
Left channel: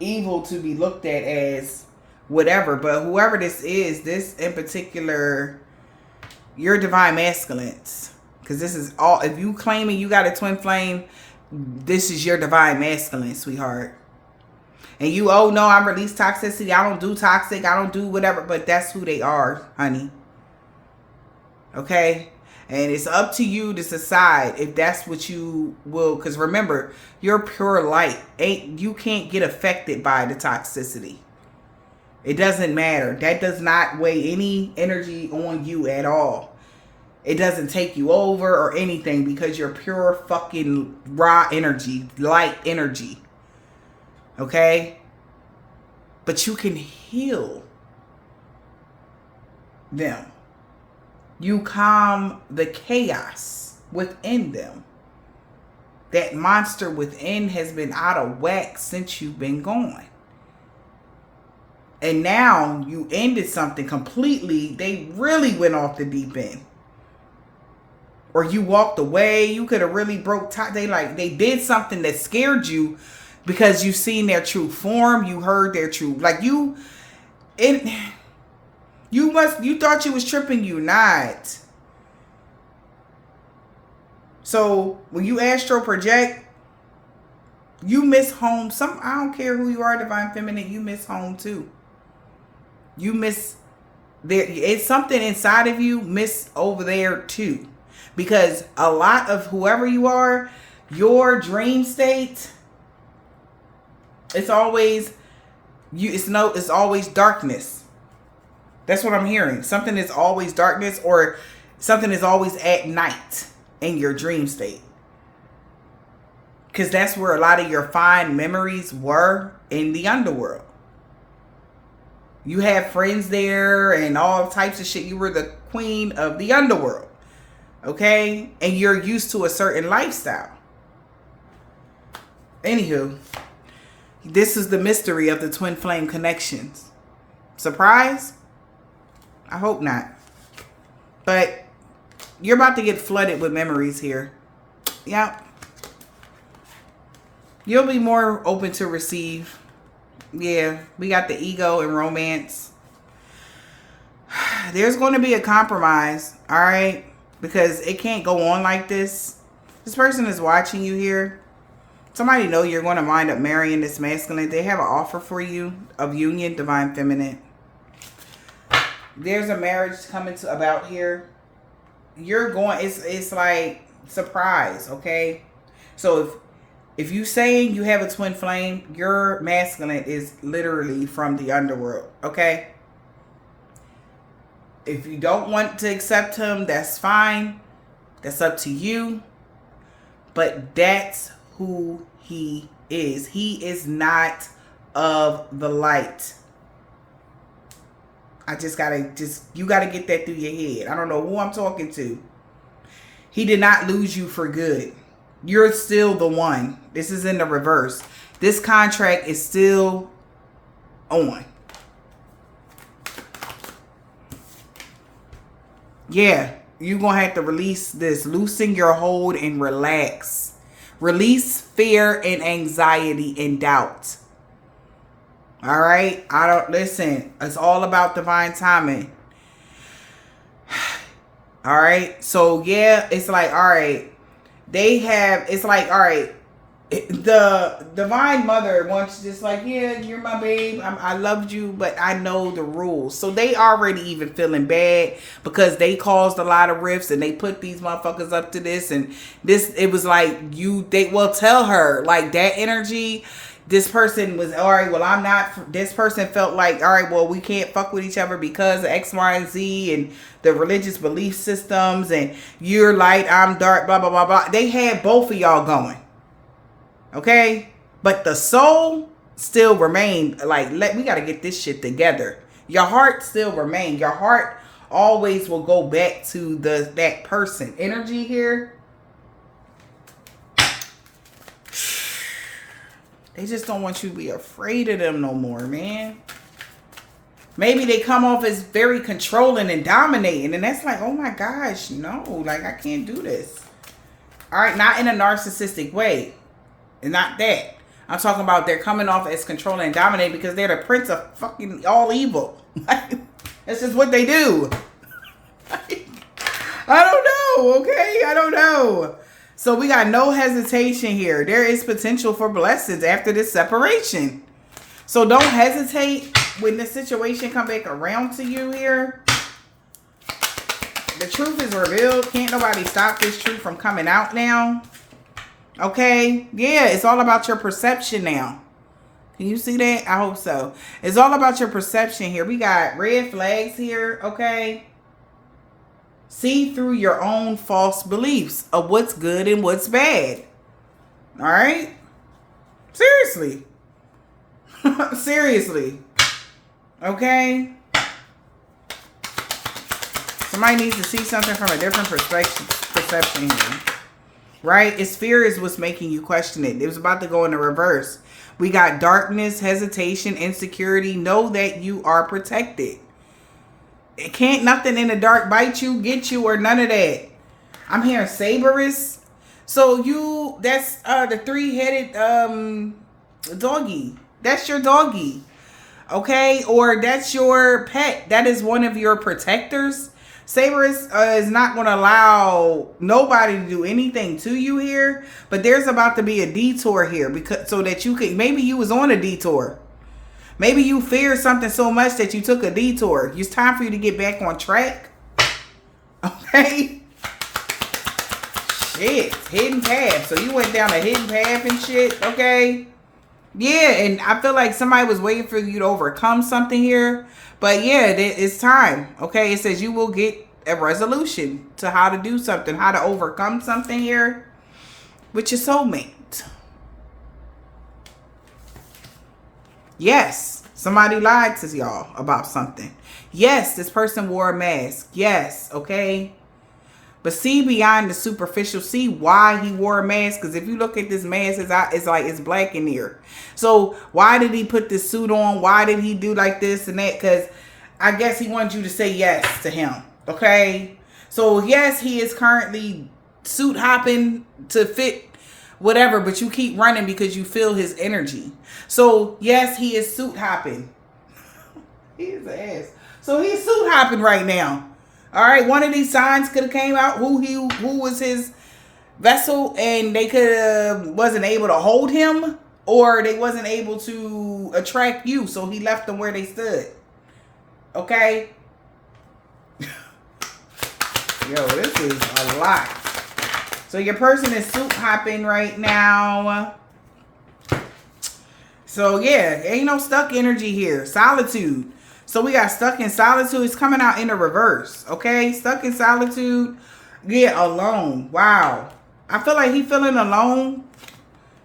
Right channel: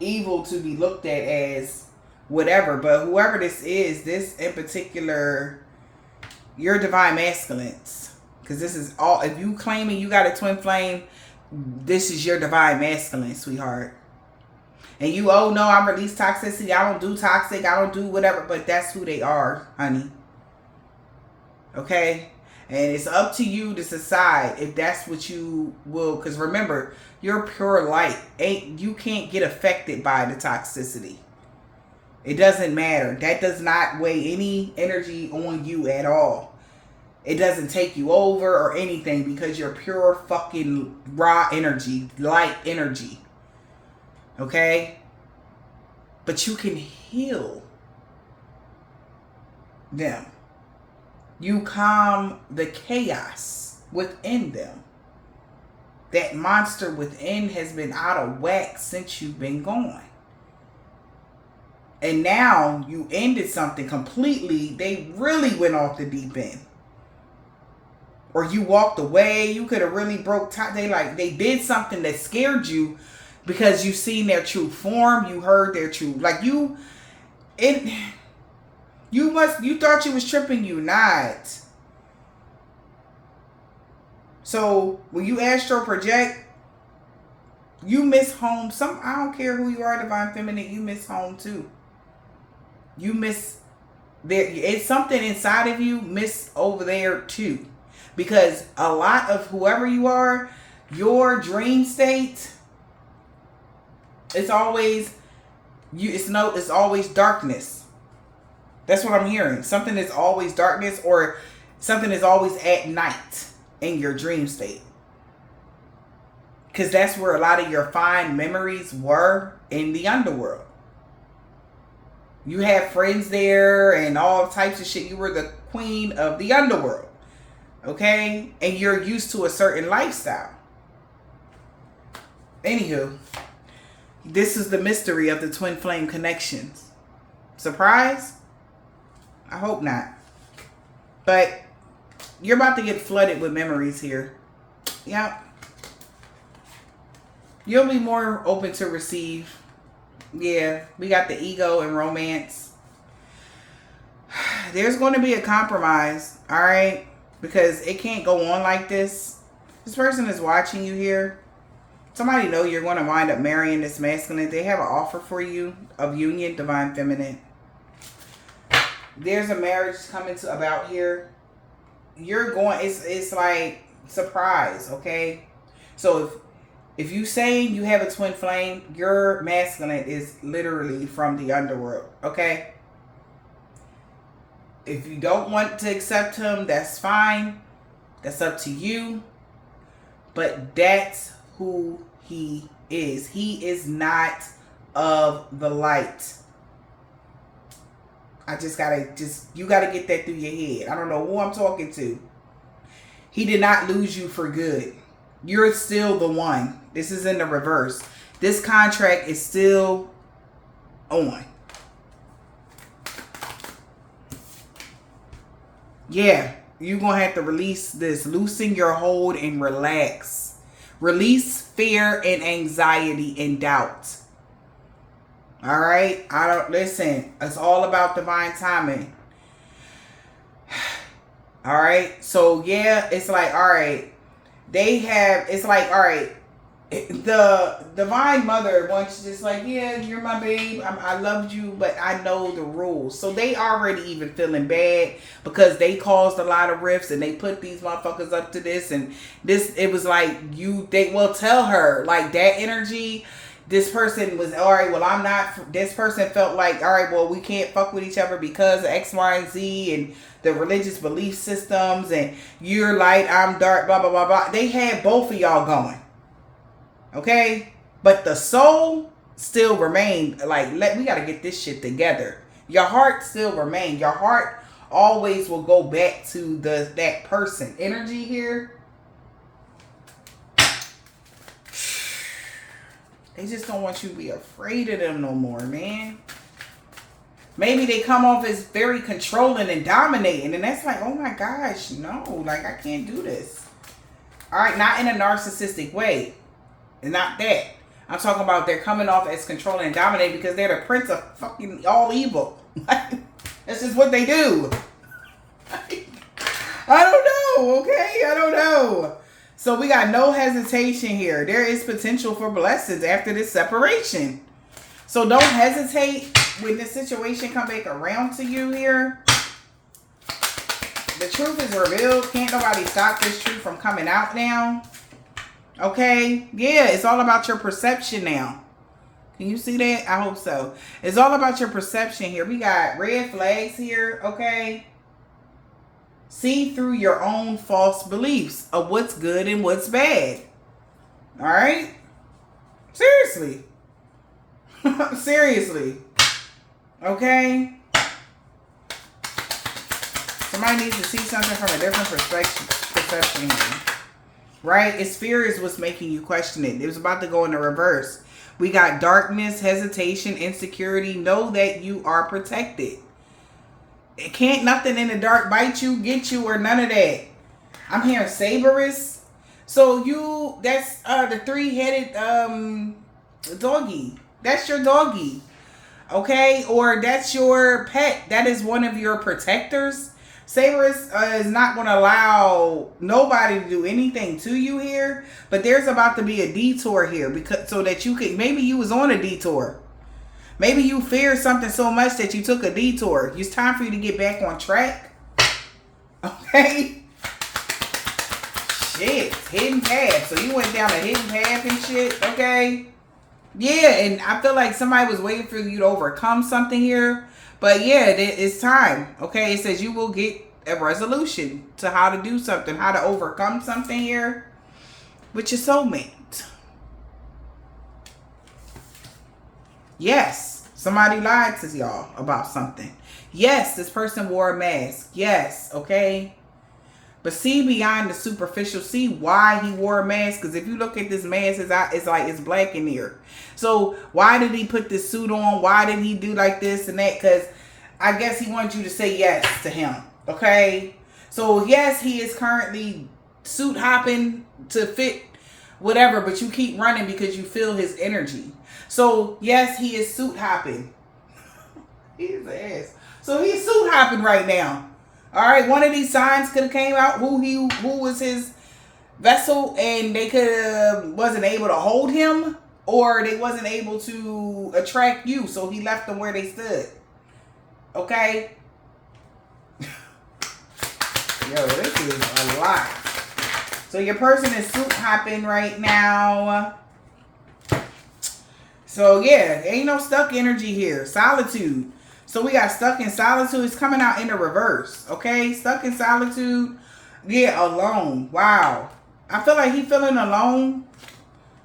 evil to be looked at as whatever. But whoever this is, this in particular, your divine masculines. Because this is all, if you claiming you got a twin flame, this is your divine masculine, sweetheart. And you, oh no, I release toxicity. I don't do toxic. I don't do whatever. But that's who they are, honey. Okay? And it's up to you to decide if that's what you will. Because remember, you're pure light. You can't get affected by the toxicity. It doesn't matter. That does not weigh any energy on you at all. It doesn't take you over or anything because you're pure fucking raw energy, light energy. Okay? But you can heal them. You calm the chaos within them. That monster within has been out of whack since you've been gone. And now you ended something completely. They really went off the deep end. Or you walked away. You could have really broke top. They did something that scared you because you seen their true form. You heard their true. You thought you was tripping, you not. So when you astral project, you miss home. I don't care who you are, divine feminine, you miss home too. You miss there. It's something inside of you miss over there too. Because a lot of whoever you are, your dream state, it's always it's always darkness. That's what I'm hearing. Something is always darkness, or something is always at night in your dream state. Because that's where a lot of your fine memories were, in the underworld. You had friends there and all types of shit. You were the queen of the underworld. Okay? And you're used to a certain lifestyle. Anywho, this is the mystery of the twin flame connections. Surprise? I hope not. But you're about to get flooded with memories here. Yep. You'll be more open to receive. Yeah, we got the ego and romance. There's going to be a compromise, all right? Because it can't go on like this. This person is watching you here. Somebody know you're going to wind up marrying this masculine. They have an offer for you of union, divine feminine. There's a marriage coming about here. You're going, it's like surprise, okay? So if you saying you have a twin flame, your masculine is literally from the underworld, okay? If you don't want to accept him, that's fine. That's up to you. But that's who he is. He is not of the light. You gotta get that through your head. I don't know who I'm talking to. He did not lose you for good. You're still the one. This is in the reverse. This contract is still on. Yeah, you're going to have to release this. Loosen your hold and relax. Release fear and anxiety and doubt. All right? Listen, it's all about divine timing. All right? So, yeah, it's like, all right. All right. The divine mother wants just like, yeah, you're my babe. I loved you, but I know the rules. So they already even feeling bad because they caused a lot of rifts and they put these motherfuckers up to this. And it was like they will tell her like that energy. This person was, all right, well, I'm not, this person felt like, all right, well, we can't fuck with each other because of X, Y, and Z and the religious belief systems and you're light, I'm dark, blah, blah, blah, blah. They had both of y'all going. Okay? But the soul still remained like, we got to get this shit together. Your heart still remained. Your heart always will go back to that person. Energy here. They just don't want you to be afraid of them no more, man. Maybe they come off as very controlling and dominating. And that's like, oh my gosh, no. Like, I can't do this. All right, not in a narcissistic way. And not that. I'm talking about they're coming off as controlling and dominating because they're the prince of fucking all evil. That's just what they do. I don't know, okay? I don't know. So we got no hesitation here. There is potential for blessings after this separation. So don't hesitate when the situation come back around to you here. The truth is revealed. Can't nobody stop this truth from coming out now. Okay? Yeah, it's all about your perception now. Can you see that? I hope so. It's all about your perception here. We got red flags here, okay? See through your own false beliefs of what's good and what's bad. All right? Seriously. Seriously. Okay? Somebody needs to see something from a different perception here. Right? It's fear is what's making you question it. It was about to go in the reverse. We got darkness, hesitation, insecurity. Know that you are protected. It can't nothing in the dark bite you, get you, or none of that. I'm hearing Saberus. So that's the 3-headed doggy. That's your doggy. Okay? Or that's your pet. That is one of your protectors. Saberus is not going to allow nobody to do anything to you here. But there's about to be a detour here. Because so that you could, maybe you was on a detour. Maybe you feared something so much that you took a detour. It's time for you to get back on track. Okay? Shit. Hidden path. So you went down a hidden path and shit. Okay? Yeah, and I feel like somebody was waiting for you to overcome something here. But yeah, it's time. Okay? It says you will get a resolution to how to do something. How to overcome something here. With your soulmate. Yes, somebody lied to y'all about something. Yes, this person wore a mask. Yes, okay? But see beyond the superficial. See why he wore a mask. Because if you look at this mask, it's like it's black in here. So why did he put this suit on? Why did he do like this and that? Because I guess he wants you to say yes to him. Okay? So yes, he is currently suit hopping to fit whatever. But you keep running because you feel his energy. So, yes, he is suit hopping. He is an ass. So, he's suit hopping right now. All right, one of these signs could have came out who was his vessel, and they wasn't able to hold him, or they wasn't able to attract you, so he left them where they stood. Okay? Yo, this is a lot. So, your person is suit hopping right now. So, yeah, ain't no stuck energy here. Solitude. So, we got stuck in solitude. It's coming out in the reverse. Okay? Stuck in solitude. Yeah, alone. Wow. I feel like he feeling alone.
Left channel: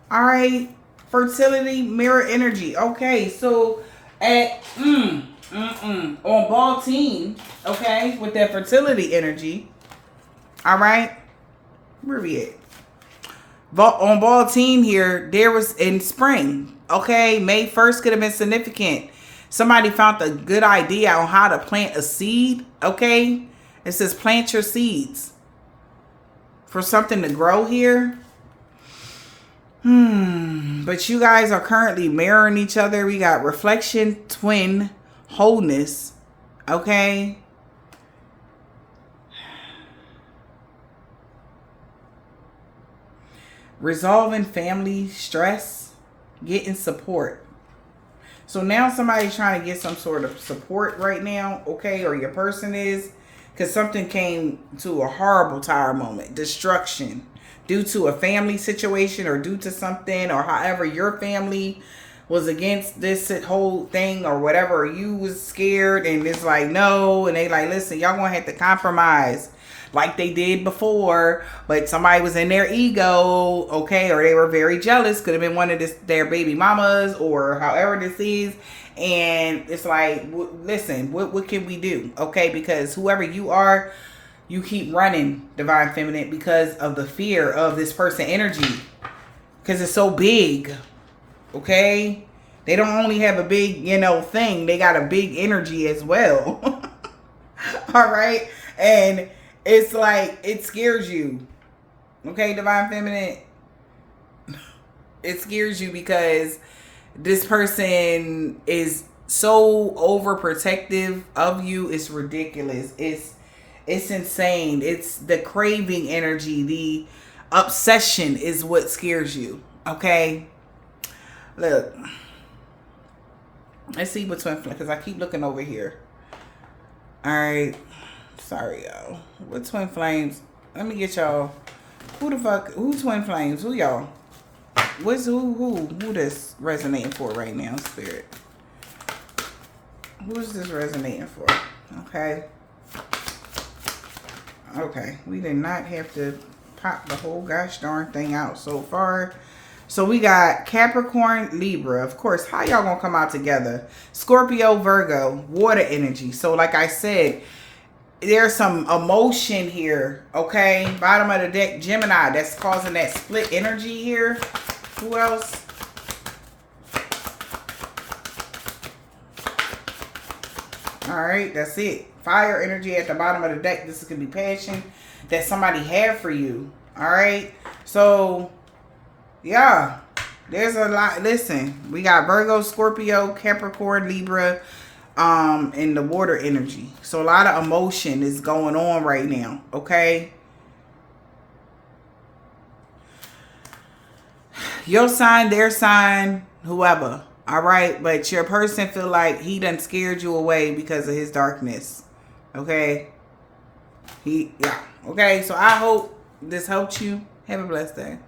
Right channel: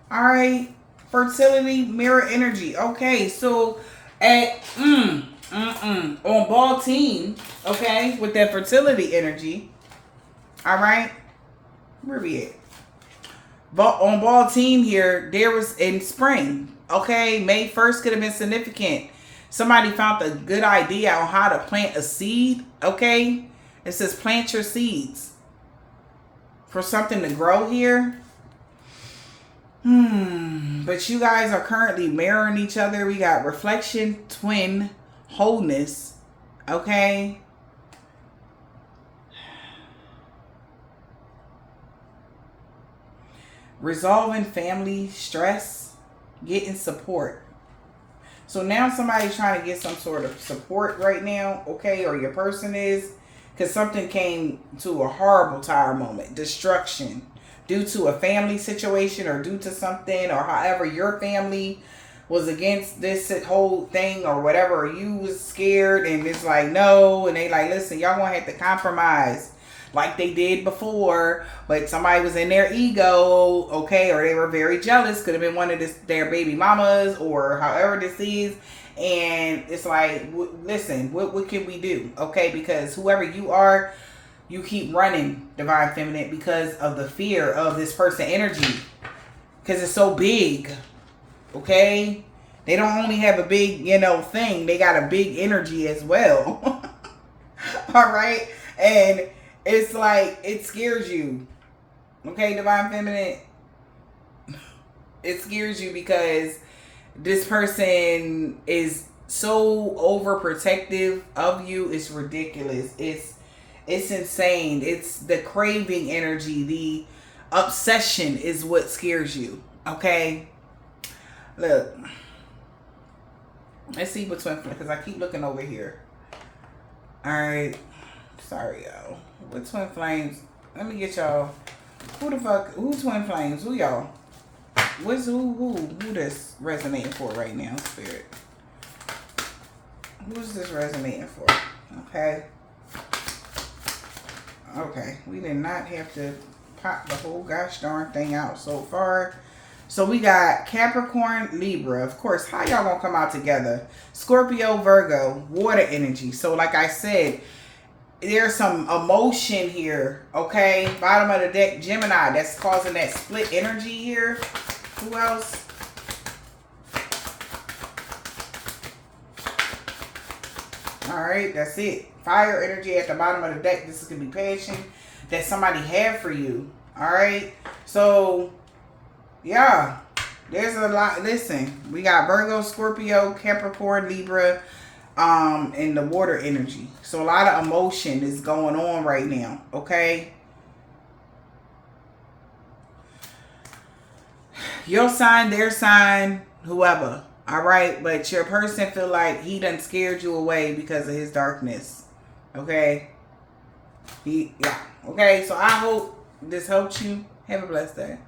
All right. Fertility, mirror energy. Okay. So, at on ball team. Okay. With that fertility energy. All right. Where we at? On ball team here, there was in spring. Okay, May 1st could have been significant. Somebody found a good idea on how to plant a seed. Okay, it says plant your seeds for something to grow here. But you guys are currently mirroring each other. We got reflection, twin, wholeness. Okay. Resolving family stress, getting support. So now somebody's trying to get some sort of support right now, okay? Or your person is, because something came to a horrible tire moment, destruction, due to a family situation or due to something, or however your family was against this whole thing or whatever. You was scared and it's like, no. And they like, listen, y'all gonna have to compromise. Like they did before, but somebody was in their ego, okay, or they were very jealous. Could have been one of their baby mamas or however this is. And it's like, listen, what can we do, okay? Because whoever you are, you keep running, Divine Feminine, because of the fear of this person energy. Because it's so big, okay? They don't only have a big, thing. They got a big energy as well. All right? And it's like, it scares you. Okay, Divine Feminine? It scares you because this person is so overprotective of you. It's ridiculous. It's insane. It's the craving energy. The obsession is what scares you. Okay? Look. Let's see what twin flame, because I keep looking over here. All right. Sorry, y'all. What twin flames? Let me get y'all. Who the fuck? Who twin flames? Who y'all? What's who this resonating for right now, spirit? Who is this resonating for? Okay. Okay. We did not have to pop the whole gosh darn thing out so far. So we got Capricorn, Libra. Of course, how y'all gonna come out together? Scorpio, Virgo, water energy. So like I said, there's some emotion here, okay? Bottom of the deck, Gemini. That's causing that split energy here. Who else? All right, that's it. Fire energy at the bottom of the deck. This is going to be passion that somebody had for you. All right? So, yeah. There's a lot. Listen, we got Virgo, Scorpio, Capricorn, Libra, and the water energy. So, a lot of emotion is going on right now. Okay? Your sign, their sign, whoever. All right, but your person feel like he done scared you away because of his darkness. Okay? Yeah. Okay, so I hope this helped you. Have a blessed day.